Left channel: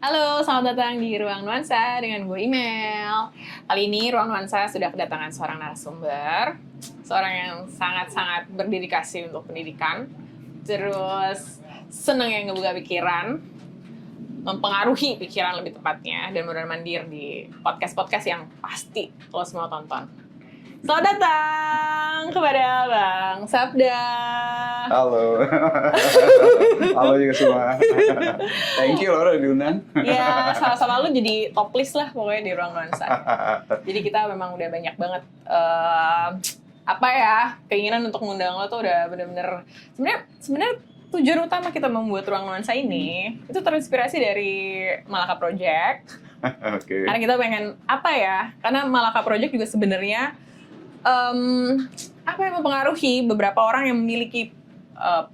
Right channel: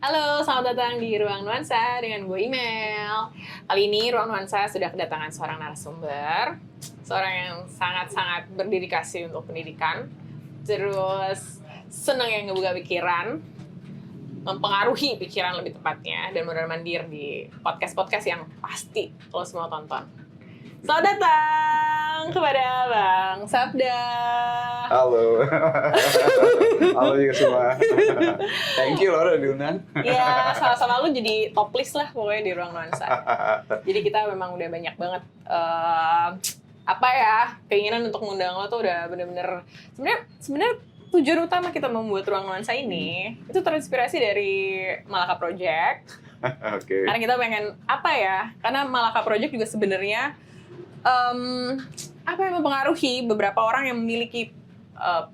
Halo, selamat datang di Ruang Nuansa dengan gue Email. Kali ini Ruang Nuansa sudah kedatangan seorang narasumber, seorang yang sangat-sangat berdedikasi untuk pendidikan, terus seneng yang ngebuka pikiran, mempengaruhi pikiran lebih tepatnya, dan mondar-mandir di podcast-podcast yang pasti lo semua tonton. Selamat datang kepada Bang Sabda. Halo. Halo juga semua. Thank you loh udah diundang. Ya, sama-sama lu jadi top list lah pokoknya di Ruang Nuansa. Jadi kita memang udah banyak banget keinginan untuk ngundang lo tuh udah bener-bener sebenarnya tujuan utama kita membuat Ruang Nuansa ini itu terinspirasi dari Malaka Project. Okay. Karena kita pengen karena Malaka Project juga sebenarnya mempengaruhi beberapa orang yang memiliki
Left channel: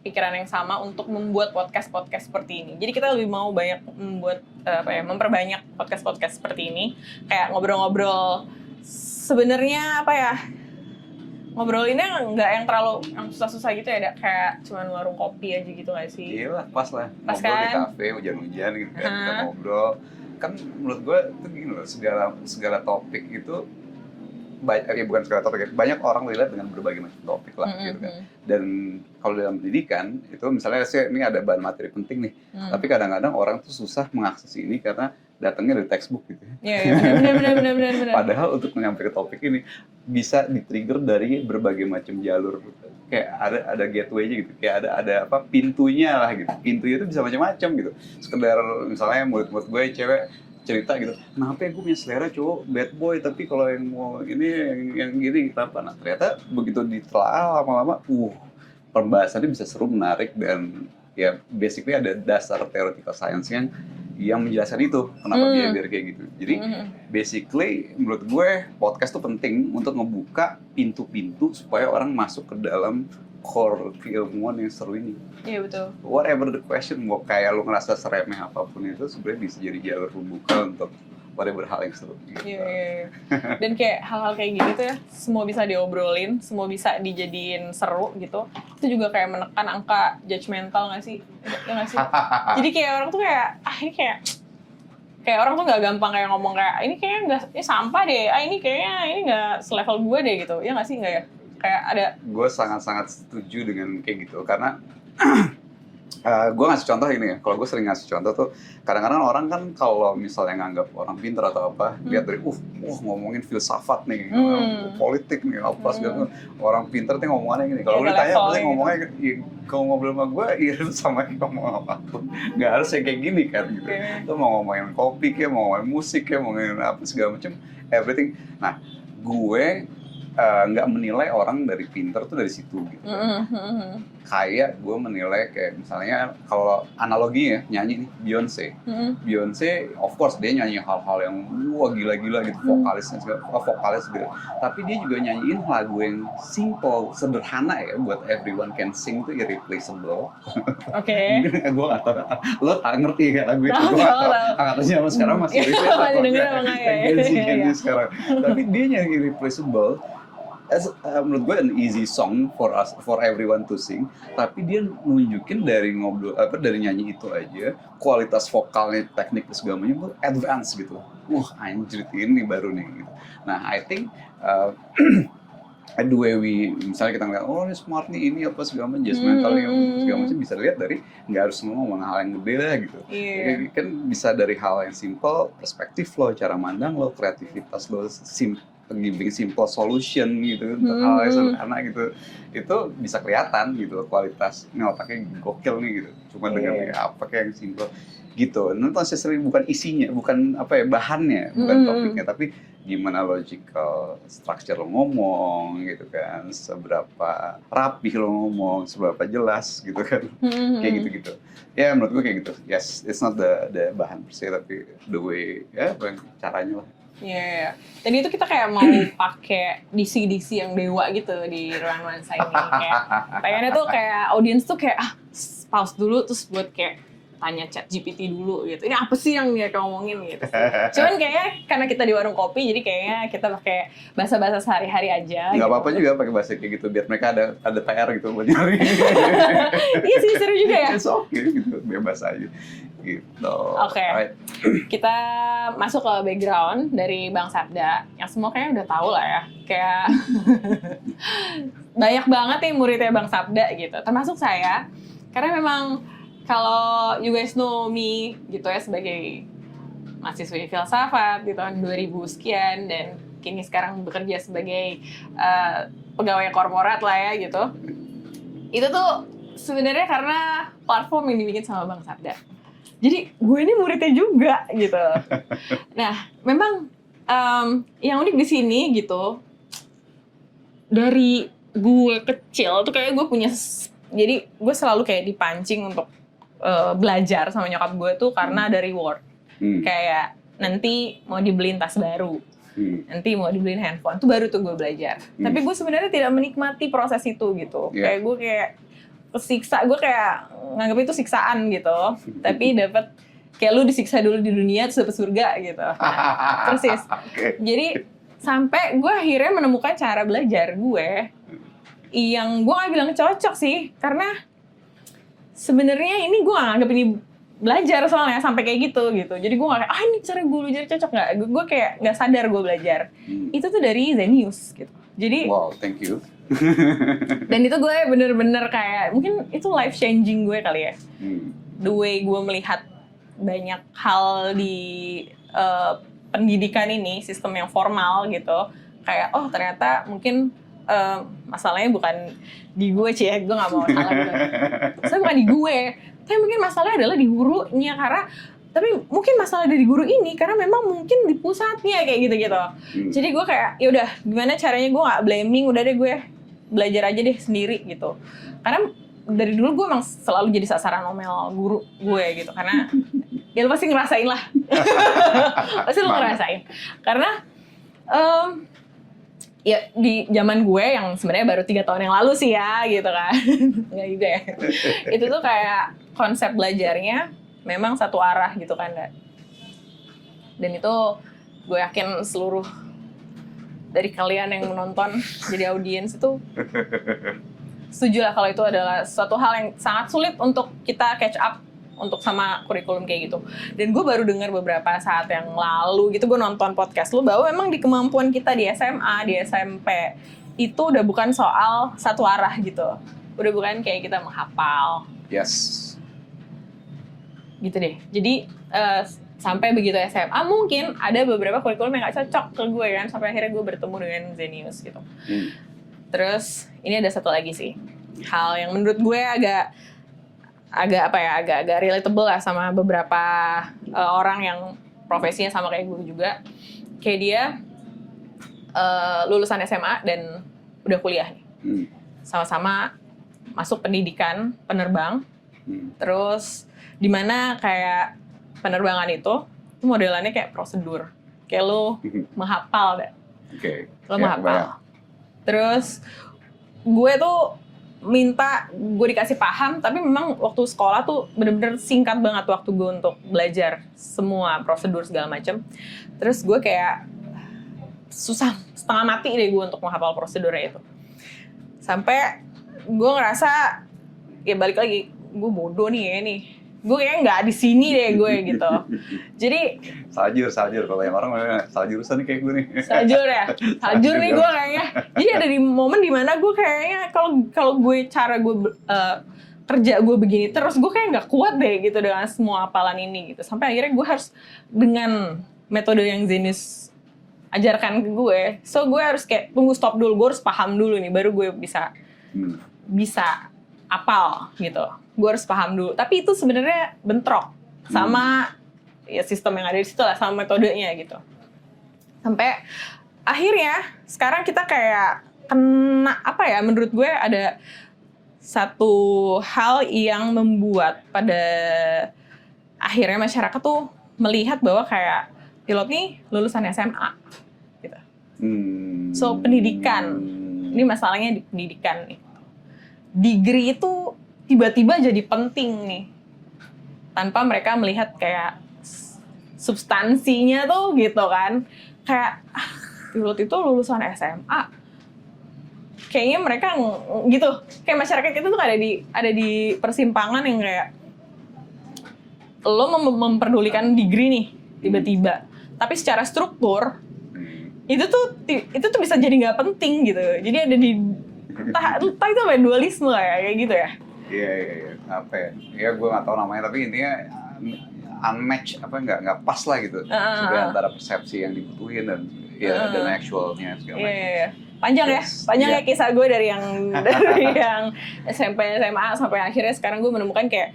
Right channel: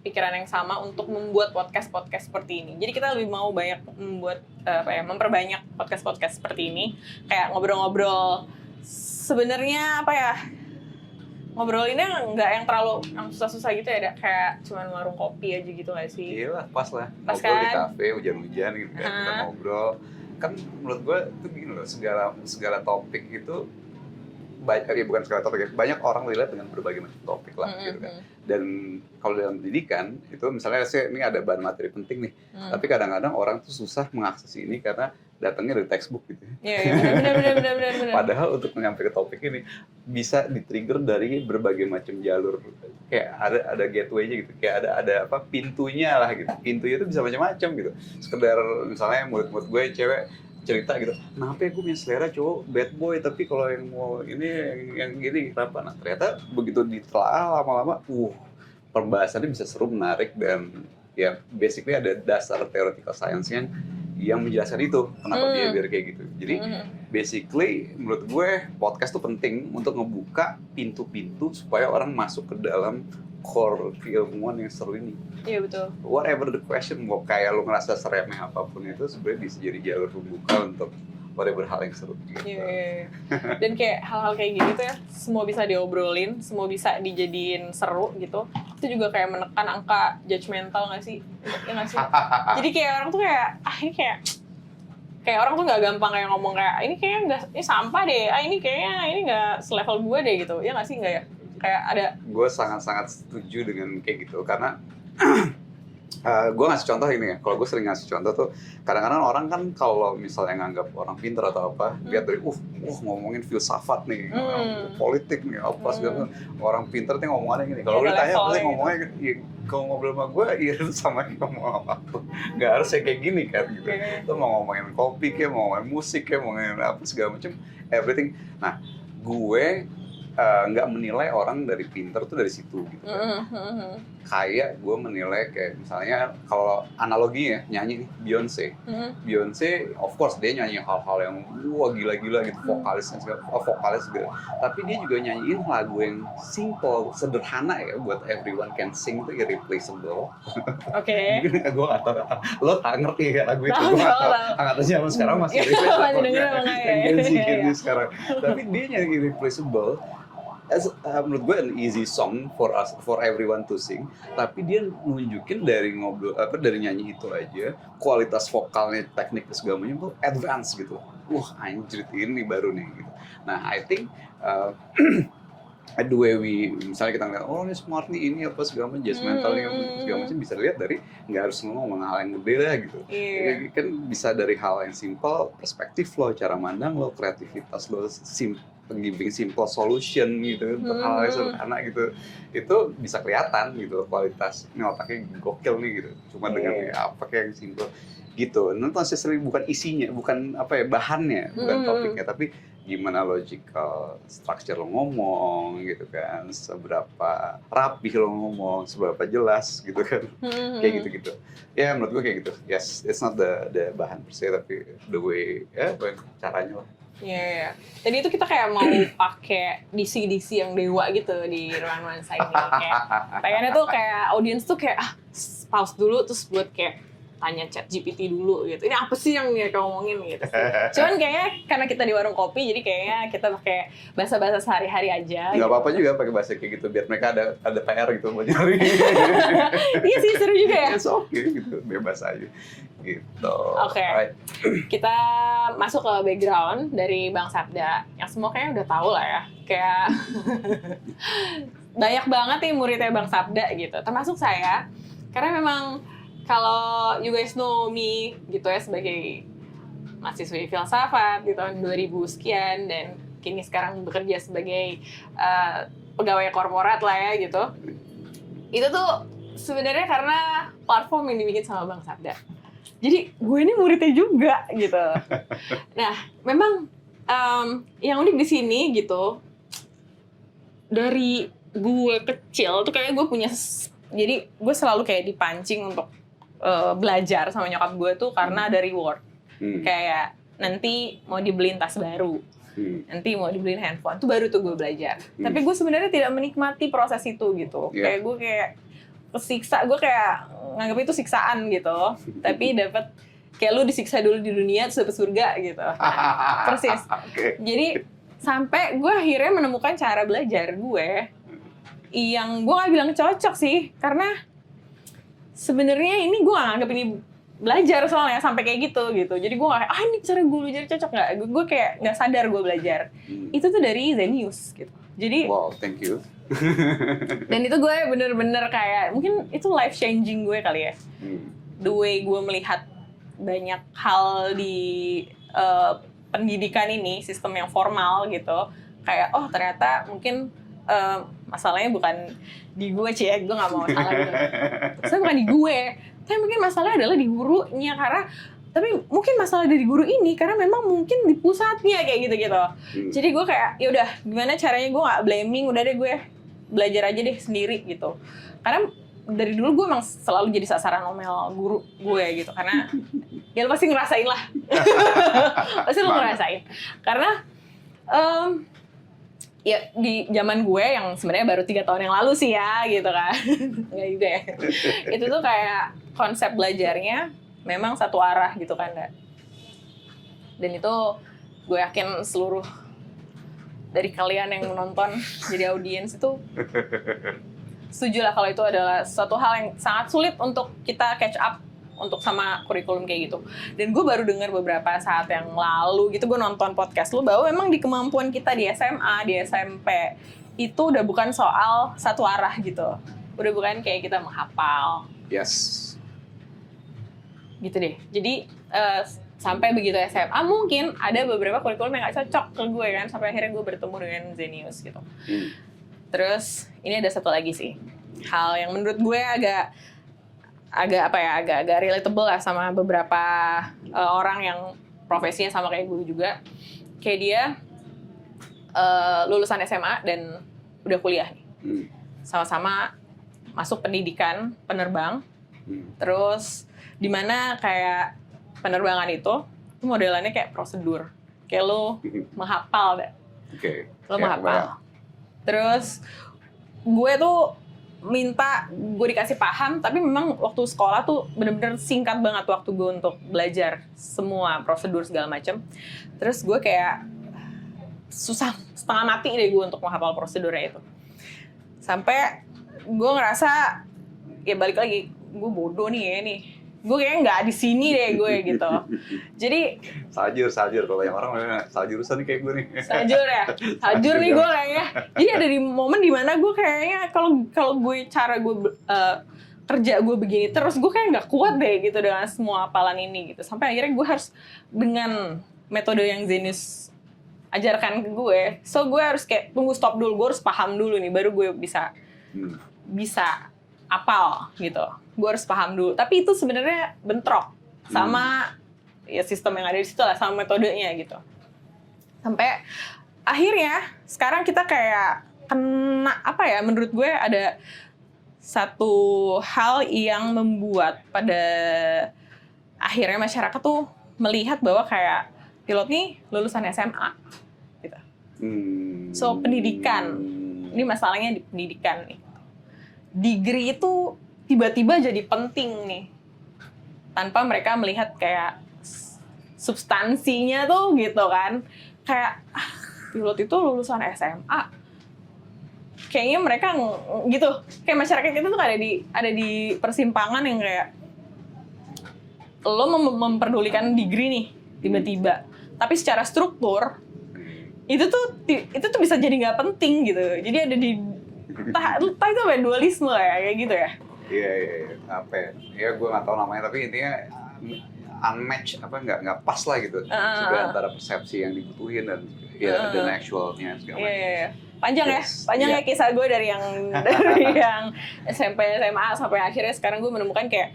pikiran yang sama untuk membuat podcast seperti ini. Jadi kita lebih mau banyak membuat memperbanyak podcast seperti ini, kayak ngobrol-ngobrol. Sebenarnya ngobrolinnya nggak yang terlalu yang susah-susah gitu ya, kayak cuman warung kopi aja gitu nggak sih? Iya lah, pas lah. Pas kan? Di kafe hujan-hujan gitu, kita ngobrol. Kan menurut gue itu gini loh, segala topik itu banyak orang melihat dengan berbagai macam topik lah. Gitu. Dan kalau dalam pendidikan itu misalnya ini ada bahan materi penting nih, tapi kadang-kadang orang tuh susah mengakses ini karena datangnya dari textbook gitu. Iya benar. Padahal untuk menyampaikan topik ini bisa di-trigger dari berbagai macam jalur. Kayak ada gateway-nya gitu, kayak ada pintunya lah gitu. Pintunya itu bisa macam-macam gitu. Sekedar misalnya menurut gue cewek cerita gitu, kenapa gue punya selera cowok bad boy, tapi kalau yang mau ini yang gini kenapa? Nah ternyata begitu ditelaah lama-lama, pembahasannya bisa seru, menarik, dan ya basically ada dasar teoritikal sains yang menjelaskan itu kenapa dia kayak gitu. Jadi basically menurut gue podcast tuh penting untuk ngebuka pintu-pintu supaya orang masuk ke dalam core keilmuan yang seru ini. Iya betul. Whatever the question, mau kayak lo ngerasa seremeh apapun itu sebenarnya bisa jadi jalur pembuka untuk whatever hal yang seru. Iya. Dan kayak hal-hal kayak gini tuh ya, semua bisa diobrolin, semua bisa dijadiin seru gitu. Itu juga kayak menekan angka judgmental nggak sih? Ya nggak sih? Jadi kayak orang tuh ini kayak orang tuh nggak gampang kayak ngomong kayak ini kayaknya nggak, ini sampah deh. Ini kayaknya ini nggak selevel gue deh gitu. Ya nggak sih, nggak ya? Kayak ada. Gue sangat-sangat setuju dengan kayak gitu karena gue ngasih contoh ini ya. Kalau gue sering ngasih contoh tuh, kadang-kadang orang kan kalau misalnya nganggap orang pintar atau apa, dia dari ngomongin filsafat nih, politik nih, apa segala. Orang pintar nih ngomongannya gini. Kalau ngomongnya gitu. Kalau ngobrol sama gue, sama ngomong apapun. Nggak harus kayak gini kan. Itu mau ngomongin kopi kayak, mau ngomongin musik kayak, mau ngomongin apa segala macam, everything. Nah, gue nggak menilai orang dari pintar tuh dari situ gitu. Kayak gue menilai kayak misalnya kalau analogi ya, nyanyi Beyonce. Beyonce of course dia nyanyi hal-hal yang gila-gila gitu, vokalis gitu. Tapi dia juga nyanyiin lagu yang simple, sederhana ya, buat everyone can sing, itu irreplaceable. Oke. Gue nggak tahu, lo ngerti ya lagu itu? Tahu. Zaman sekarang masih denger apa nggak ya? Tapi dia nyanyi irreplaceable. Menurut gue an easy song for everyone to sing, tapi dia nunjukin dari dari nyanyi itu aja kualitas vokalnya, teknik segala macam advance gitu. Anjir ini baru nih. Nah, I think the way misalnya kita ngeliat, ini smart nih, ini apa segala macam, judgmental segala macam, bisa lihat dari nggak harus ngomong hal yang berbeda gitu. Jadi kan bisa dari hal yang simple, perspektif lo, cara mandang lo, kreativitas lo, simple solution gitu, hal yang sederhana gitu, itu bisa kelihatan gitu kualitas otaknya gokil nih gitu. Cuma dengan apa kayak simple gitu. Nonton sesuai bukan isinya, bukan bahannya, bukan topiknya, tapi gimana logical structure lo ngomong gitu kan, seberapa rapi lo ngomong, seberapa jelas gitu kan, kayak gitu. Ya menurut gue kayak gitu. Yes, it's not the bahan sih, tapi the way caranya lah. Iya. Jadi itu kita kayak mau pakai diksi-diksi yang dewa gitu di Ruang Nuansa ini. Kayak pengennya tuh kayak audiens tuh kayak pause dulu terus buat kayak tanya ChatGPT dulu gitu. Ini apa sih yang dia ngomongin gitu sih. Cuman kayaknya karena kita di warung kopi jadi kayaknya kita pakai bahasa-bahasa sehari-hari aja. Nggak apa-apa juga pakai bahasa itu gitu biar mereka ada PR gitu. Iya sih, seru juga ya. Oke gitu, bebas aja. gitu. Oke. Alright. Kita masuk ke background dari Bang Sabda. Yang semua kayaknya udah tahu lah ya. Kayak banyak banget nih muridnya Bang Sabda gitu. Termasuk saya. Karena memang kalau you guys know me gitu ya sebagai mahasiswi filsafat di tahun 2000 sekian dan kini sekarang bekerja sebagai pegawai korporat lah ya gitu. Itu tuh sebenarnya karena platform yang dibikin sama Bang Sabda. Jadi gue ini muridnya juga gitu. Nah, memang yang unik di sini gitu, dari gue kecil tuh kayak gue punya, jadi gue selalu kayak dipancing untuk belajar sama nyokap gue tuh karena ada reward. Kayak nanti mau dibeliin tas baru, nanti mau dibeliin handphone, tuh baru tuh gue belajar. Tapi gue sebenarnya tidak menikmati proses itu gitu. Kayak gue kayak kesiksa, gue kayak nganggap itu siksaan gitu. Tapi dapat kayak lu disiksa dulu di dunia terus dapet surga gitu. Nah, persis. Jadi sampai gue akhirnya menemukan cara belajar gue yang gue nggak bilang cocok sih, karena sebenarnya ini gue nggak anggap ini belajar soalnya sampai kayak gitu. Jadi gue nggak kayak ini cara gue belajar cocok nggak. Gue kayak nggak sadar gue belajar. Itu tuh dari Zenius gitu. Jadi Wow, thank you. dan itu gue bener-bener kayak mungkin itu life changing gue kali ya. The way gue melihat banyak hal di pendidikan ini, sistem yang formal gitu. Kayak oh ternyata mungkin masalahnya bukan di gue gue nggak mau salah gitu. Saya bukan di gue, tapi mungkin masalahnya adalah di gurunya, karena tapi mungkin masalah dari guru ini karena memang mungkin di pusatnya kayak gitu-gitu. Jadi gue kayak ya udah gimana caranya gue nggak blaming, udah deh gue belajar aja deh sendiri gitu. Karena dari dulu gue emang selalu jadi sasaran omel guru gue gitu, karena ya lo pasti ngerasain lah. Pasti lo ngerasain. Karena ya di zaman gue yang sebenarnya baru 3 tahun yang lalu sih ya gitu kan. Nggak juga ya. Itu tuh kayak konsep belajarnya memang satu arah gitu kan. Dan itu gue yakin seluruh dari kalian yang menonton jadi audiens itu setuju lah kalau itu adalah suatu hal yang sangat sulit untuk kita catch up untuk sama kurikulum kayak gitu. Dan gue baru dengar beberapa saat yang lalu gitu, gue nonton podcast lu bahwa memang di kemampuan kita di SMA, di SMP itu udah bukan soal satu arah gitu. Udah bukan kayak kita menghafal. Yes. Gitu deh. Jadi sampai begitu SMA mungkin ada beberapa kurikulum yang gak cocok ke gue kan, sampai akhirnya gue bertemu dengan Zenius gitu. Terus ini ada satu lagi sih hal yang menurut gue agak relatable lah sama beberapa orang yang profesinya sama kayak gue juga. Kayak dia lulusan SMA dan udah kuliah nih. Sama-sama masuk pendidikan penerbang. Terus dimana kayak penerbangan itu modelannya kayak prosedur. Kayak lo menghafal deh. Lo menghafal. Terus gue tuh minta gue dikasih paham, tapi memang waktu sekolah tuh bener-bener singkat banget waktu gue untuk belajar semua prosedur segala macam. Terus gue kayak susah setengah mati deh gue untuk menghafal prosedurnya itu. Sampai gue ngerasa ya balik lagi gue bodoh nih ya nih. Gue kayaknya nggak di sini deh gue gitu. Jadi Sajur kalau yang orang sajurusan kayak gue nih. Sajur nih gue kayaknya. Jadi ada di momen dimana gue kayaknya kalau gue cara gue kerja gue begini terus gue kayak nggak kuat deh gitu dengan semua hafalan ini gitu. Sampai akhirnya gue harus dengan metode yang Zenius ajarkan ke gue. So gue harus kayak tunggu stop dulu, gue harus paham dulu nih baru gue bisa apal gitu. Gue harus paham dulu. Tapi itu sebenarnya bentrok sama ya sistem yang ada di situ lah, sama metodenya gitu. Sampai akhirnya sekarang kita kayak kena menurut gue ada satu hal yang membuat pada akhirnya masyarakat tuh melihat bahwa kayak pilot nih lulusan SMA gitu. So pendidikan, ini masalahnya di pendidikan nih. Degree itu tiba-tiba jadi penting nih. Tanpa mereka melihat kayak substansinya tuh gitu kan. Kayak pilot itu lulusan SMA. Kayaknya mereka gitu. Kayak masyarakat itu tuh ada di persimpangan yang kayak lo memperdulikan degree nih tiba-tiba, tapi secara struktur itu tuh bisa jadi nggak penting gitu. Jadi ada di entah itu apa ya, dualisme ya kayak gitu ya. Iya, apa ya? Ya gue nggak tahu namanya, tapi intinya unmatched, apa nggak pas lah gitu. Antara persepsi yang dibutuhin dan actualnya. Iya. Panjang ya kisah gue dari yang SMP, SMA sampai akhirnya sekarang gue menemukan kayak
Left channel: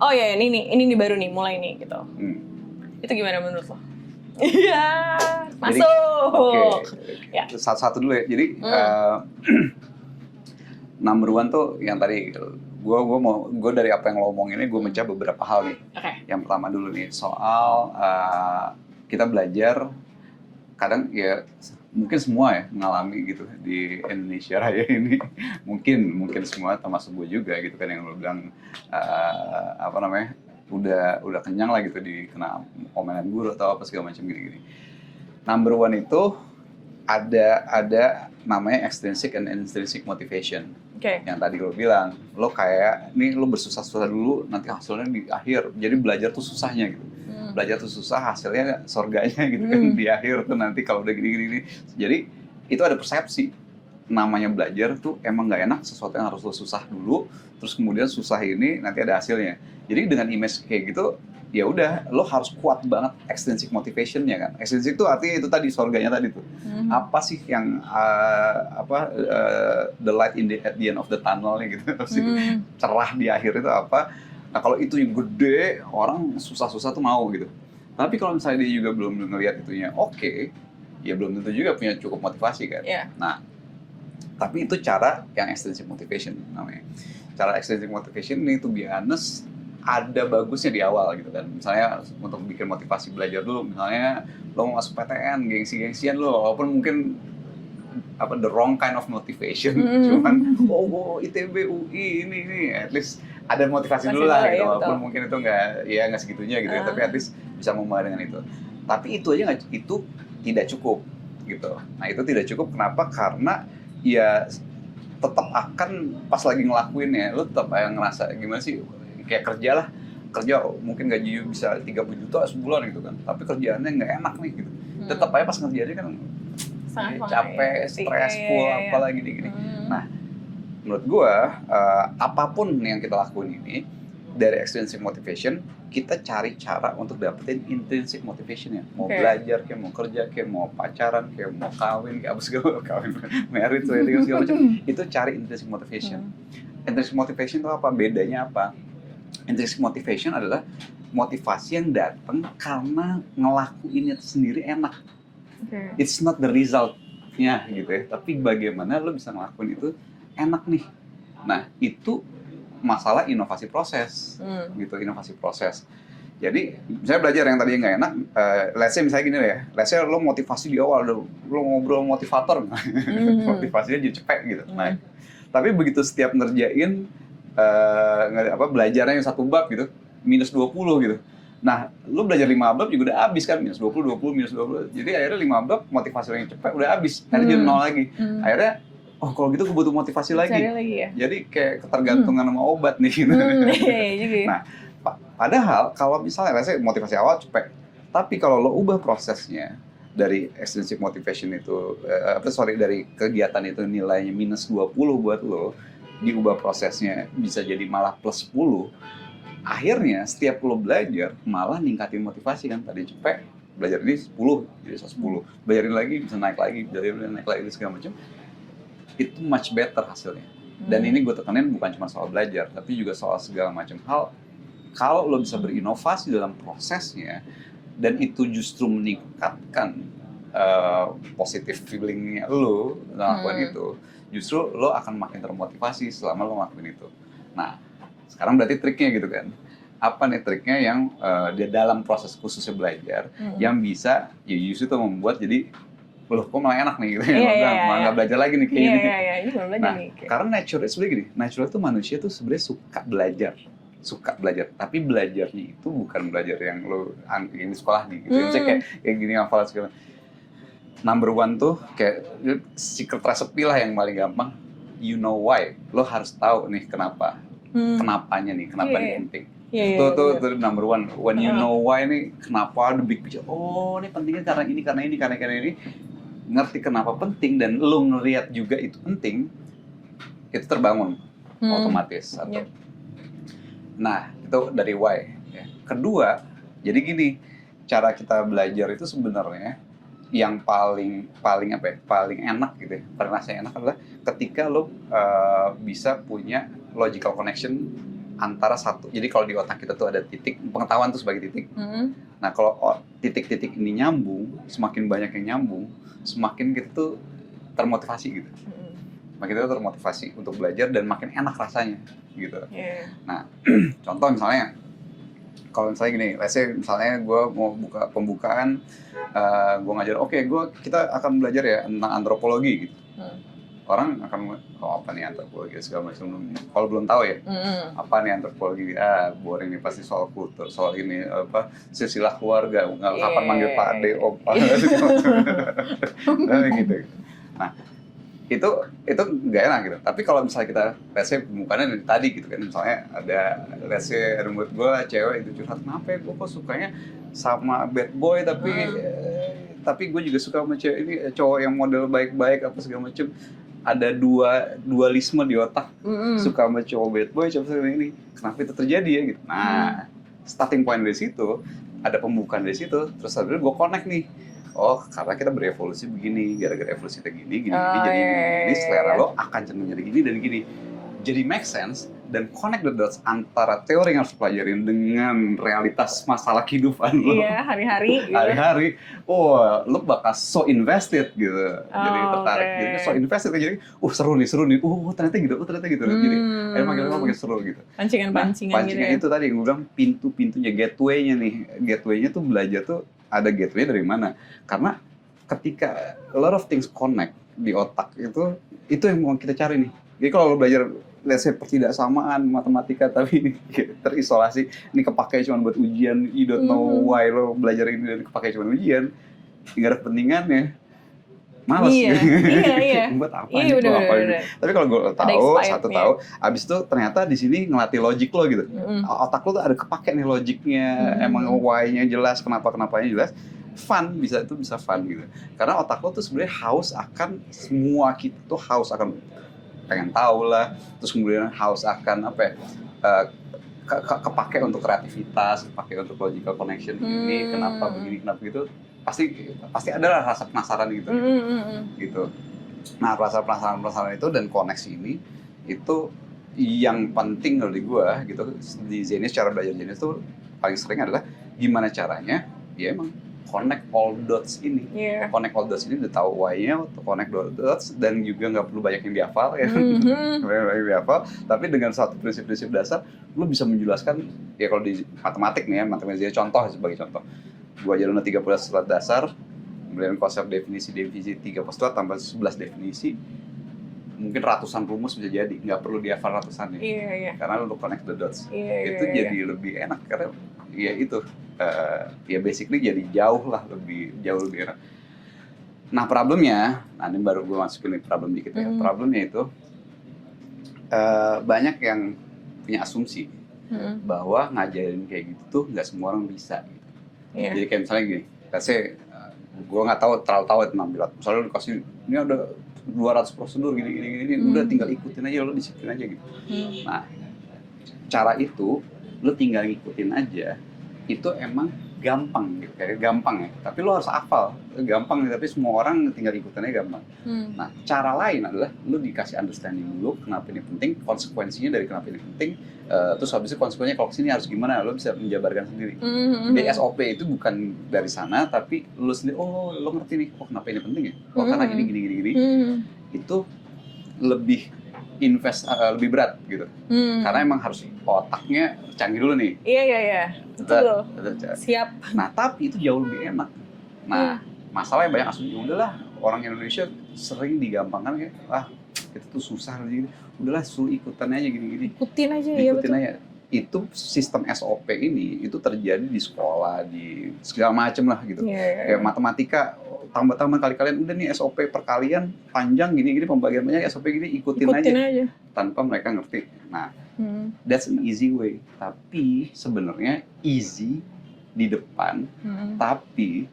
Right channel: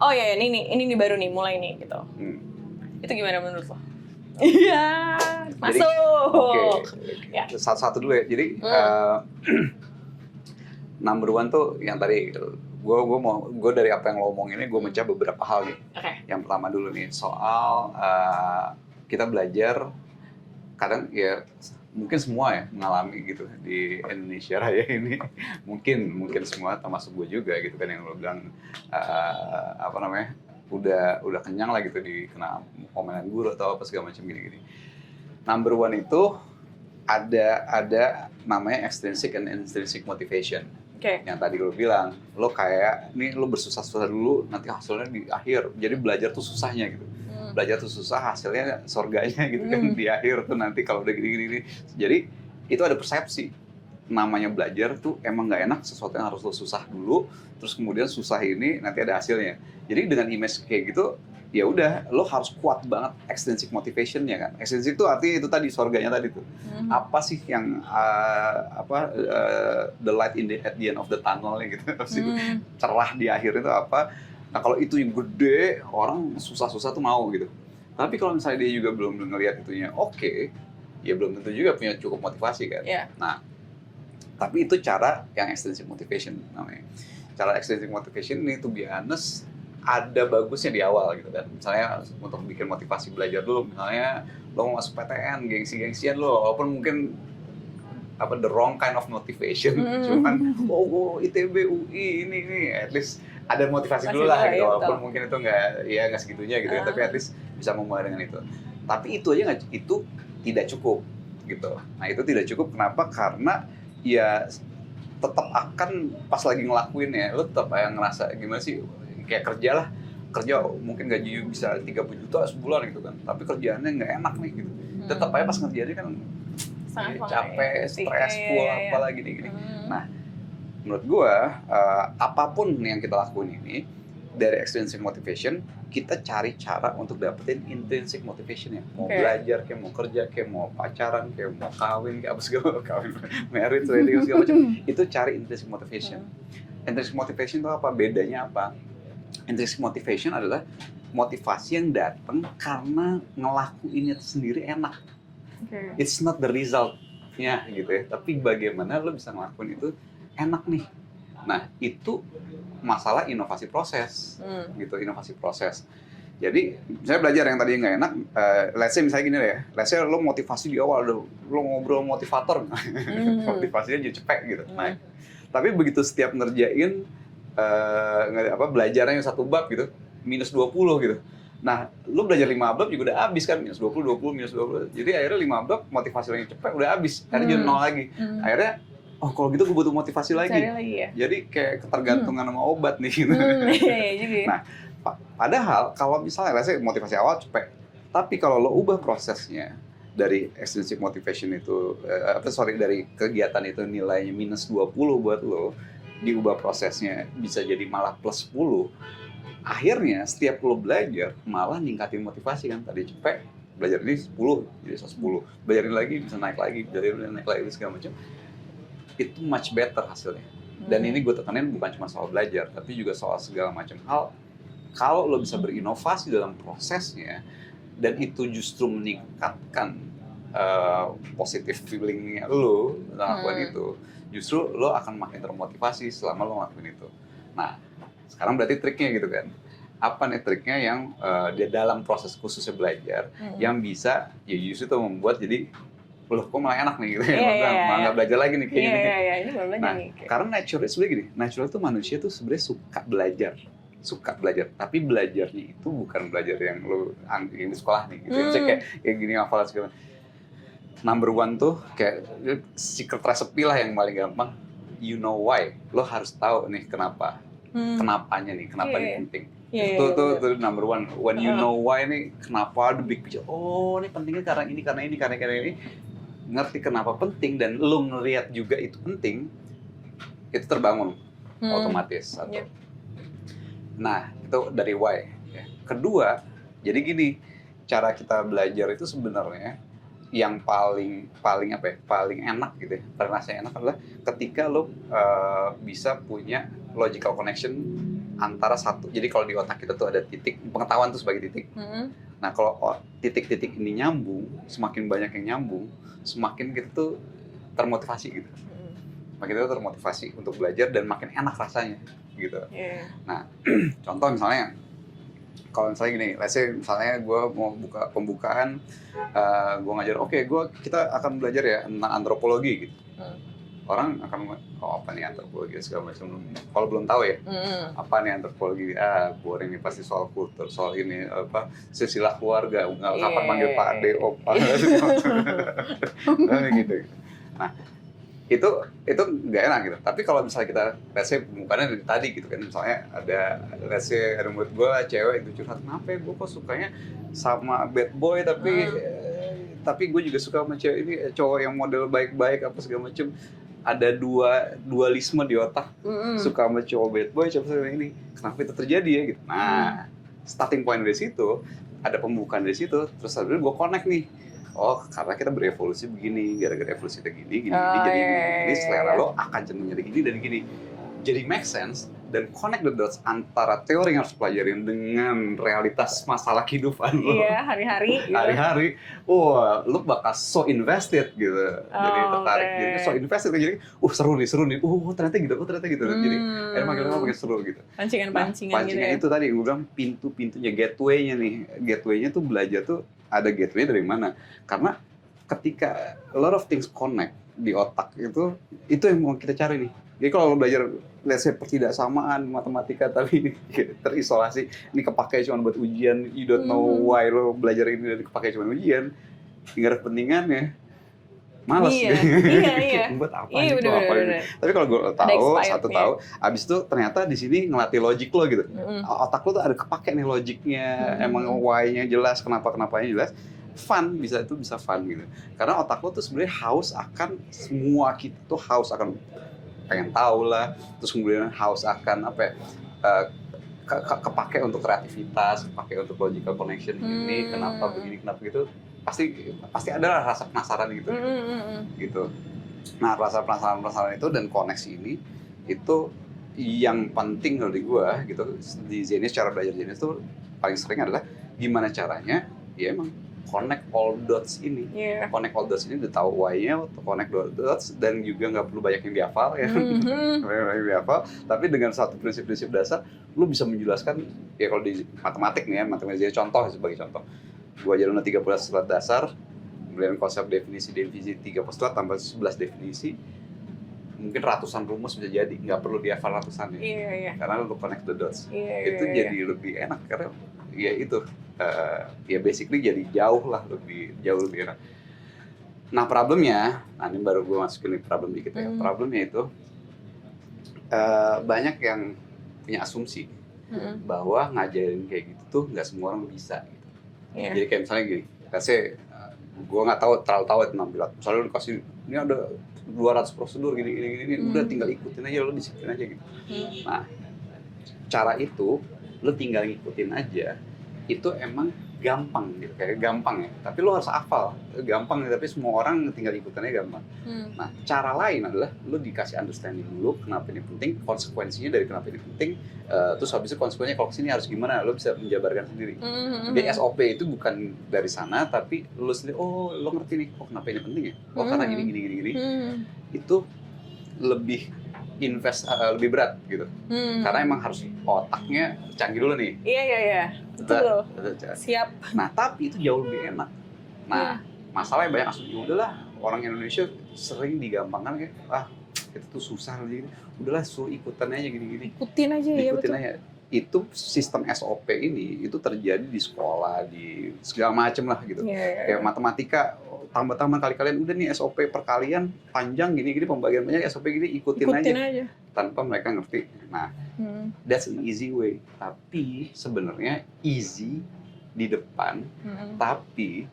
oh ya ini baru nih mulai nih gitu. Itu gimana menurut lo? Iya, masuk. Ya. Satu dulu ya. Jadi number one tuh yang tadi gitu. Gue dari apa yang lo omong ini gue baca beberapa hal nih. Yang pertama dulu nih soal kita belajar kadang ya mungkin semua ya mengalami gitu di Indonesia Raya ini mungkin semua termasuk gue juga gitu kan yang lo bilang apa namanya udah kenyang lah gitu kena omelan guru atau apa segala macam gini. Number one itu ada namanya extrinsic and intrinsic motivation. Yang tadi lo bilang, lo kayak ini lo bersusah-susah dulu, nanti hasilnya di akhir. Jadi belajar tuh susahnya gitu. Belajar tuh susah, hasilnya surganya gitu kan di akhir tuh nanti kalau udah gini-gini. Jadi itu ada persepsi. Namanya belajar tuh emang nggak enak, sesuatu yang harus lo susah dulu, terus kemudian susah ini nanti ada hasilnya. Jadi dengan image kayak gitu, ya udah lo harus kuat banget extrinsic motivation-nya kan. Extrinsic itu artinya itu tadi surganya tadi tuh. Apa sih yang the light at the end of the tunnel nya gitu. Cerah di akhir itu apa? Nah kalau itu gede, orang susah-susah tuh mau gitu. Tapi kalau misalnya dia juga belum ngelihat itunya oke, ya belum tentu juga punya cukup motivasi kan. Nah, tapi itu cara yang extrinsic motivation namanya. Cara extrinsic motivation ini to be honest ada bagusnya di awal gitu kan. Misalnya untuk bikin motivasi belajar dulu, misalnya lo mau masuk PTN, gengsi-gengsian lo, walaupun mungkin the wrong kind of motivation, cuman ITB, UI ini at least ada motivasi dulu lah gitu. Walaupun mungkin itu nggak segitunya gitu, tapi at least bisa memulai dengan itu. Tapi itu aja itu tidak cukup gitu. Nah itu tidak cukup kenapa? Karena ya tetap akan pas lagi ngelakuinnya lo tetap kayak ngerasa gimana sih, kayak kerja mungkin gaji bisa 30 juta sebulan gitu kan, tapi kerjaannya nggak enak nih gitu. Tetap aja pas kerjanya kan capek, stres, apalagi gitu. Nah menurut gua apapun yang kita lakuin ini dari extrinsic motivation, kita cari cara untuk dapetin intrinsic motivation ya. Mau belajar, kayak mau kerja, kayak mau pacaran, kayak mau kawin, kayak apa segala kawin, married, segala macam. Itu cari intrinsic motivation. Intrinsic motivation itu apa? Bedanya apa? Intrinsic motivation adalah motivasi yang datang karena ngelakuinnya sendiri enak. It's not the result-nya gitu ya, tapi bagaimana lo bisa ngelakuin itu enak nih. Nah itu masalah inovasi proses, gitu, inovasi proses. Jadi saya belajar yang tadi nggak enak, let's say misalnya gini deh, let's say lo motivasi di awal, lo ngobrol motivator, motivasinya dia cepet gitu. Nah, tapi begitu setiap ngerjain belajarnya yang 1 bab gitu, minus 20 gitu. Nah, lu belajar 5 bab juga udah habis kan, minus 20, minus 20. Jadi akhirnya 5 bab motivasi yang cepat udah habis, jadi 0 lagi. Akhirnya, kalau gitu gue butuh motivasi lagi. Cari lagi ya? Jadi kayak ketergantungan sama obat nih gitu. Iya juga. Nah, padahal kalau misalnya motivasi awal cepat, tapi kalau lo ubah prosesnya dari extrinsic motivation itu, dari kegiatan itu nilainya minus 20 buat lo, diubah prosesnya bisa jadi malah plus 10, akhirnya setiap lo belajar malah ningkatin motivasi kan. Tadi cepet belajar ini 10 jadi 10, belajarin lagi bisa naik lagi, belajarin naik lagi segala macam, itu much better hasilnya. Dan ini gue tekanin bukan cuma soal belajar, tapi juga soal segala macam hal. Kalau lo bisa berinovasi dalam prosesnya dan itu justru meningkatkan positive feelingnya lo dalam hal itu, justru lo akan makin termotivasi selama lo ngelakuin itu. Nah, sekarang berarti triknya gitu kan. Apa nih triknya yang di dalam proses khususnya belajar yang bisa ya justru itu membuat jadi loh kok malah enak nih gitu. Malah belajar lagi nih. Iya, ini baru belajar nih. Karena nature itu sebenarnya gini, nature itu manusia tuh sebenarnya suka belajar, tapi belajarnya itu bukan belajar yang lo di sekolah gitu, kayak gini hafal segala. Number one tuh kayak secret recipe lah yang paling gampang. You know why? Lo harus tahu nih kenapa, kenapanya nih, kenapa ini penting. Iya, iya, Itu benar. tuh number one. When you know why ini kenapa lu pikir, oh ini pentingnya karena ini, karena ini, karena ini. Ngerti kenapa penting dan lu ngelihat juga itu penting, itu terbangun otomatis. Iya. Nah, itu dari why. Kedua, jadi gini, cara kita belajar itu sebenarnya yang paling apa ya, paling enak gitu ya, karena saya enak adalah ketika lo bisa punya logical connection antara satu. Jadi kalau di otak kita tuh ada titik, pengetahuan tuh sebagai titik. Nah kalau titik-titik ini nyambung, semakin banyak yang nyambung, semakin kita tuh termotivasi gitu. Makin kita termotivasi untuk belajar dan makin enak rasanya gitu. Nah contoh misalnya, kalau misalnya gini, misalnya gue mau buka pembukaan, gue ngajar, kita akan belajar ya tentang antropologi gitu. Orang akan, apa nih antropologi segala macam. Kalau belum tahu ya, apa nih antropologi? Boring nih, pasti soal kultur, soal ini apa silsilah keluarga, nggak apa manggil Pak Ade, Opa, nah, gitu. Nah itu nggak enak gitu. Tapi kalau misalnya kita bukannya dari tadi gitu kan, misalnya ada menurut gue cewek itu curhat, kenapa ya gue kok sukanya sama bad boy tapi gue juga suka sama cewek ini, cowok yang model baik-baik apa segala macem. Ada dualisme di otak, suka sama cowok bad boy, cowok ini, kenapa itu terjadi ya gitu. Nah starting point dari situ, ada pembukaan dari situ, terus akhirnya gue connect nih, oh karena kita berevolusi begini, gara-gara evolusi kayak gini, bisa lo akan cenderung dari gini dan gini, jadi make sense dan connect the dots antara teori yang harus pelajarin dengan realitas masalah kehidupan lo. Iya, hari-hari gitu. Hari-hari, lo bakal so invested gitu. So invested, jadi seru nih, ternyata gitu. Jadi emang seru gitu. Pancingan-pancingan gitu ya. Itu tadi gue bilang pintu-pintunya, gateway-nya tuh belajar tuh ada gateway dari mana? Karena ketika a lot of things connect di otak itu yang mau kita cari nih. Jadi kalau lo belajar tidak samaan matematika tapi terisolasi, ini kepakai cuma buat ujian, you don't know why lo belajar ini kepakai cuma ujian, tinggal ada kepentingannya, malas. Iya benar. Tapi kalau gue ada expirednya, abis itu ternyata di sini ngelatih logik lo gitu. Otak lo tuh ada kepake nih logiknya, emang why-nya jelas, kenapanya jelas, bisa fun gitu. Karena otak lo tuh sebenarnya haus akan semua, gitu haus akan pengen tahu lah, terus kemudian haus akan apa ya, kepake untuk kreativitas, kepake untuk logical connection, ini kenapa begini, kenapa gitu, pasti ada rasa penasaran gitu. Gitu. Nah rasa penasaran itu dan koneksi ini itu yang penting dari gua gitu. Di Zenius, cara belajar Zenius itu paling sering adalah gimana caranya ya emang connect all dots ini, connect all dots ini, udah tahu why-nya, connect all dots, dan juga nggak perlu banyak yang dihafal ya. Tapi dengan satu prinsip-prinsip dasar, lu bisa menjelaskan ya. Kalau di matematik nih ya, matematik contoh sebagai contoh, gua ajarin 3 postulat dasar, kemudian konsep definisi 3 postulat tambah 11 definisi, mungkin ratusan rumus bisa jadi, nggak perlu dihafal ratusan ya. Karena lu connect the dots, itu jadi lebih enak karena ya itu ya basically jadi jauh lebih enak. Nah problemnya, ini baru gue masukin problem dikit ya. Problemnya itu banyak yang punya asumsi bahwa ngajarin kayak gitu nggak semua orang bisa. Jadi kayak misalnya gini, gue nggak terlalu tahu tentang berat, misalnya lu dikasih ini ada 200 prosedur gini, udah tinggal ikutin aja, lo disiplin aja gitu. Nah cara itu lo tinggal ikutin aja, itu emang gampang gitu, gampang ya. Tapi lo harus hafal, gampang tapi semua orang tinggal ikutinnya gampang. Nah cara lain adalah lo dikasih understanding dulu kenapa ini penting, konsekuensinya dari kenapa ini penting, terus habis itu konsekuensinya kalau kesini harus gimana, lo bisa menjabarkan sendiri. Jadi SOP itu bukan dari sana, tapi lo sendiri, lo ngerti nih, kenapa ini penting nih, karena gini. Itu lebih lebih berat gitu. Karena emang harus otaknya canggih dulu nih. Iya. Betul. Siap. Nah, tapi itu jauh lebih enak. Nah, masalahnya banyak asumsi. Udahlah, orang Indonesia sering digampangkan ya. Itu tuh susah nih. Udahlah, ikutan aja gini. Ikutin aja ya, betul. Aja. Itu sistem SOP ini itu terjadi di sekolah, di segala macem lah gitu. Kayak matematika, tambah kali-kalian udah nih SOP perkalian panjang gini pembagian banyak, SOP gini ikutin aja tanpa mereka ngerti. Nah That's an easy way. Tapi sebenarnya easy di depan, tapi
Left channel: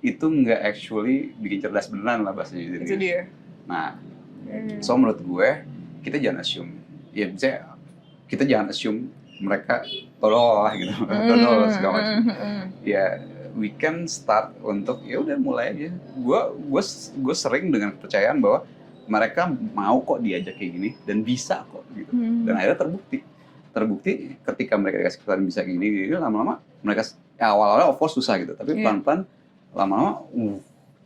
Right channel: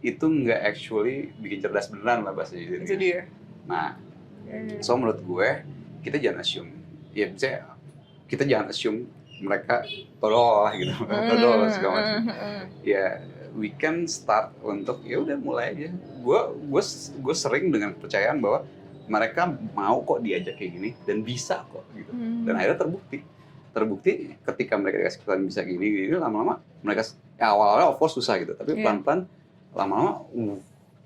itu nggak actually bikin cerdas beneran lah bahasanya. Itu dia. Nah, so menurut gue kita jangan assume, ya misalnya kita jangan assume mereka tolol gitu, tolol segala macam. Ya, we can start untuk ya udah mulai aja. Gue sering dengan kepercayaan bahwa mereka mau kok diajak kayak gini dan bisa kok. Gitu. Dan akhirnya terbukti ketika mereka dikasih kesempatan bisa gini lama-lama mereka awal-awal of course susah gitu, tapi pelan-pelan lama-lama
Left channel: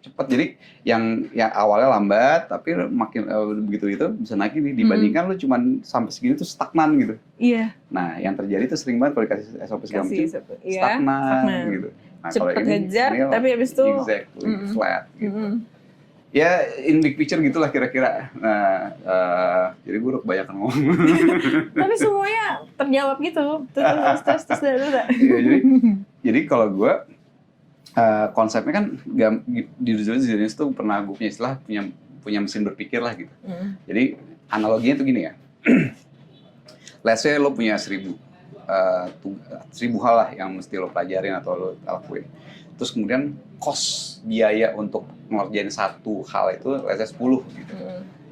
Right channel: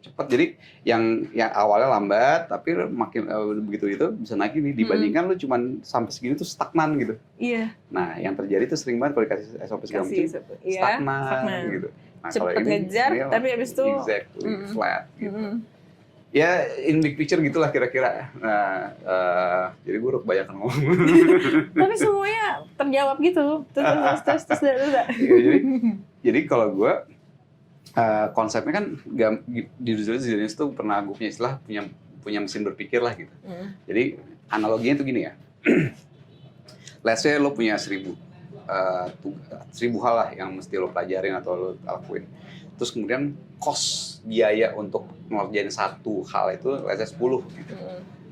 cepat. Jadi yang awalnya lambat tapi makin begitu itu bisa naik ini dibandingkan lu cuman sampai segini tuh stagnan gitu. Iya. Nah yang terjadi itu sering banget kalau kasih stagnan gitu. Nah, cepet ngejar tapi habis itu flat. Ya in big picture gitulah kira-kira. Nah jadi gue udah kebanyakan ngomong. Tapi semuanya terjawab gitu. Terus. Jadi kalau gue konsepnya kan di jenis itu pernah gue punya istilah punya mesin berpikir lah gitu. Jadi analoginya tuh gini ya. Let's say lo punya 1000 hal lah yang mesti lo pelajarin atau lo lakuin. Terus kemudian cost biaya untuk ngerjain satu hal itu let's say 10 gitu.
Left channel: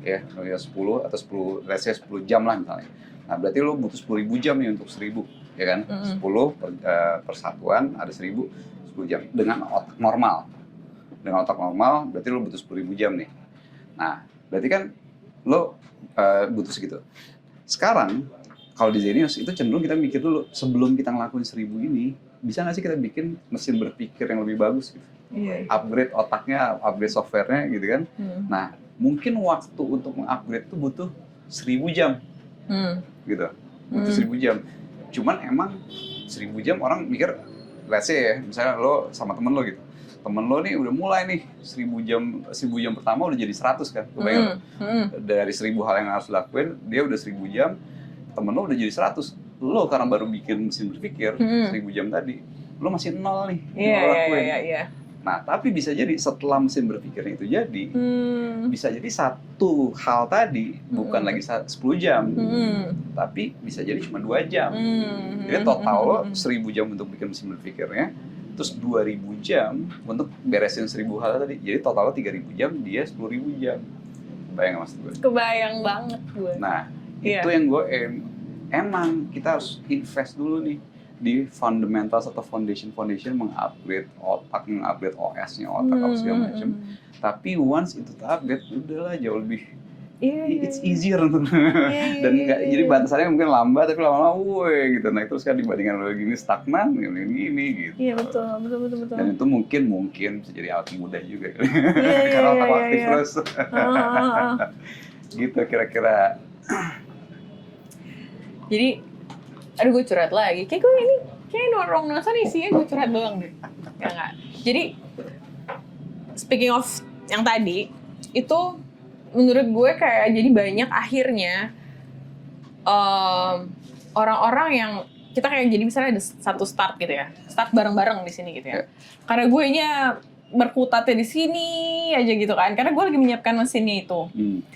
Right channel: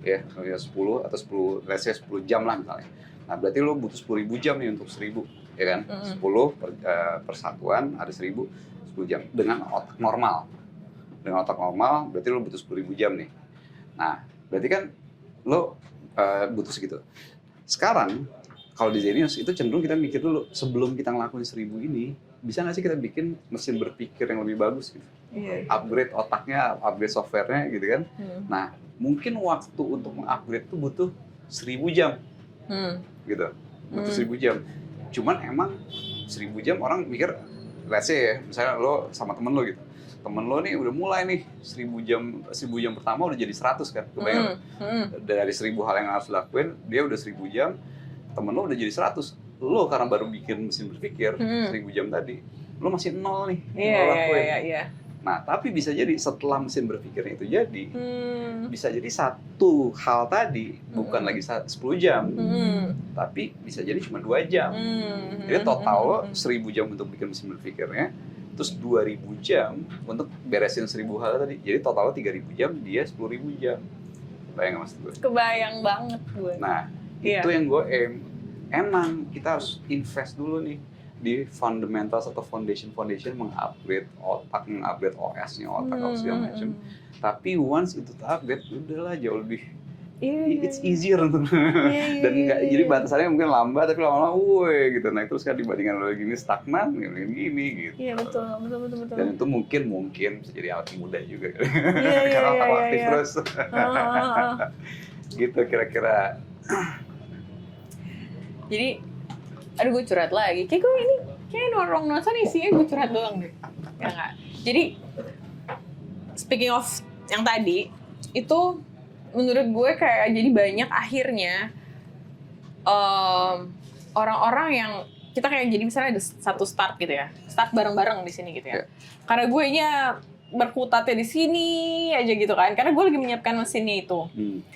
Ya, 10 atau 10 let's say 10 jam lah misalnya. Nah, berarti lo butuh 10.000 jam nih untuk 1000, ya kan? 10 persatuan ada 1000 jam dengan otak normal. Dengan otak normal berarti lo butuh 10.000 jam nih. Nah, berarti kan lo butuh segitu. Sekarang kalau di Zenius itu cenderung kita mikir dulu sebelum kita ngelakuin 1000 ini, bisa nggak sih kita bikin mesin berpikir yang lebih bagus gitu? Upgrade otaknya, upgrade softwarenya gitu kan. Nah, mungkin waktu untuk mengupgrade itu butuh 1000 jam. Gitu. Butuh 1000 jam. Cuman emang 1000 jam orang mikir, let's say ya, misalnya lo sama temen lo gitu. Temen lo nih udah mulai nih 1000 jam pertama udah jadi 100 kan. Dari 1000 hal yang harus dilakuin, dia udah 1000 jam, temen lo udah jadi 100. Lo karena baru bikin mesin berpikir 1000 jam tadi, lo masih 0 nih. Iya. Nah, tapi bisa jadi setelah mesin berpikir itu jadi, bisa jadi satu hal tadi bukan lagi 10 jam, tapi bisa jadi cuma 2 jam. Jadi total 1000 jam untuk bikin mesin berpikirnya, terus 2000 jam untuk beresin 1000 hal tadi. Jadi total 3000 jam, dia 10.000 jam. Bayang maksud gue? Kebayang banget gue. Nah, itu yang gue emang kita harus invest dulu nih di fundamentals atau foundation mengupgrade otak, mengupgrade OS-nya, otak. Tapi once itu terupgrade, udahlah jauh lebih it's easier dan jadi bahasanya mungkin lambat tapi lama-lama gitu. Nah itu sekarang dibandingkan lo gini stagnan gini gitu. Iya betul. Dan itu mungkin bisa jadi api muda juga. Iya. Gitu kira-kira. Jadi aduh gue curhat lagi, kayak ruang nuansa nih isinya gue curhat doang deh. Ya nggak. Jadi speaking of yang tadi itu menurut gue kayak jadi banyak akhirnya orang-orang yang kita kayak jadi misalnya ada satu start gitu ya, start bareng-bareng di sini gitu ya. Karena gue nya berkutatnya di sini aja gitu kan, karena gue lagi menyiapkan mesinnya itu.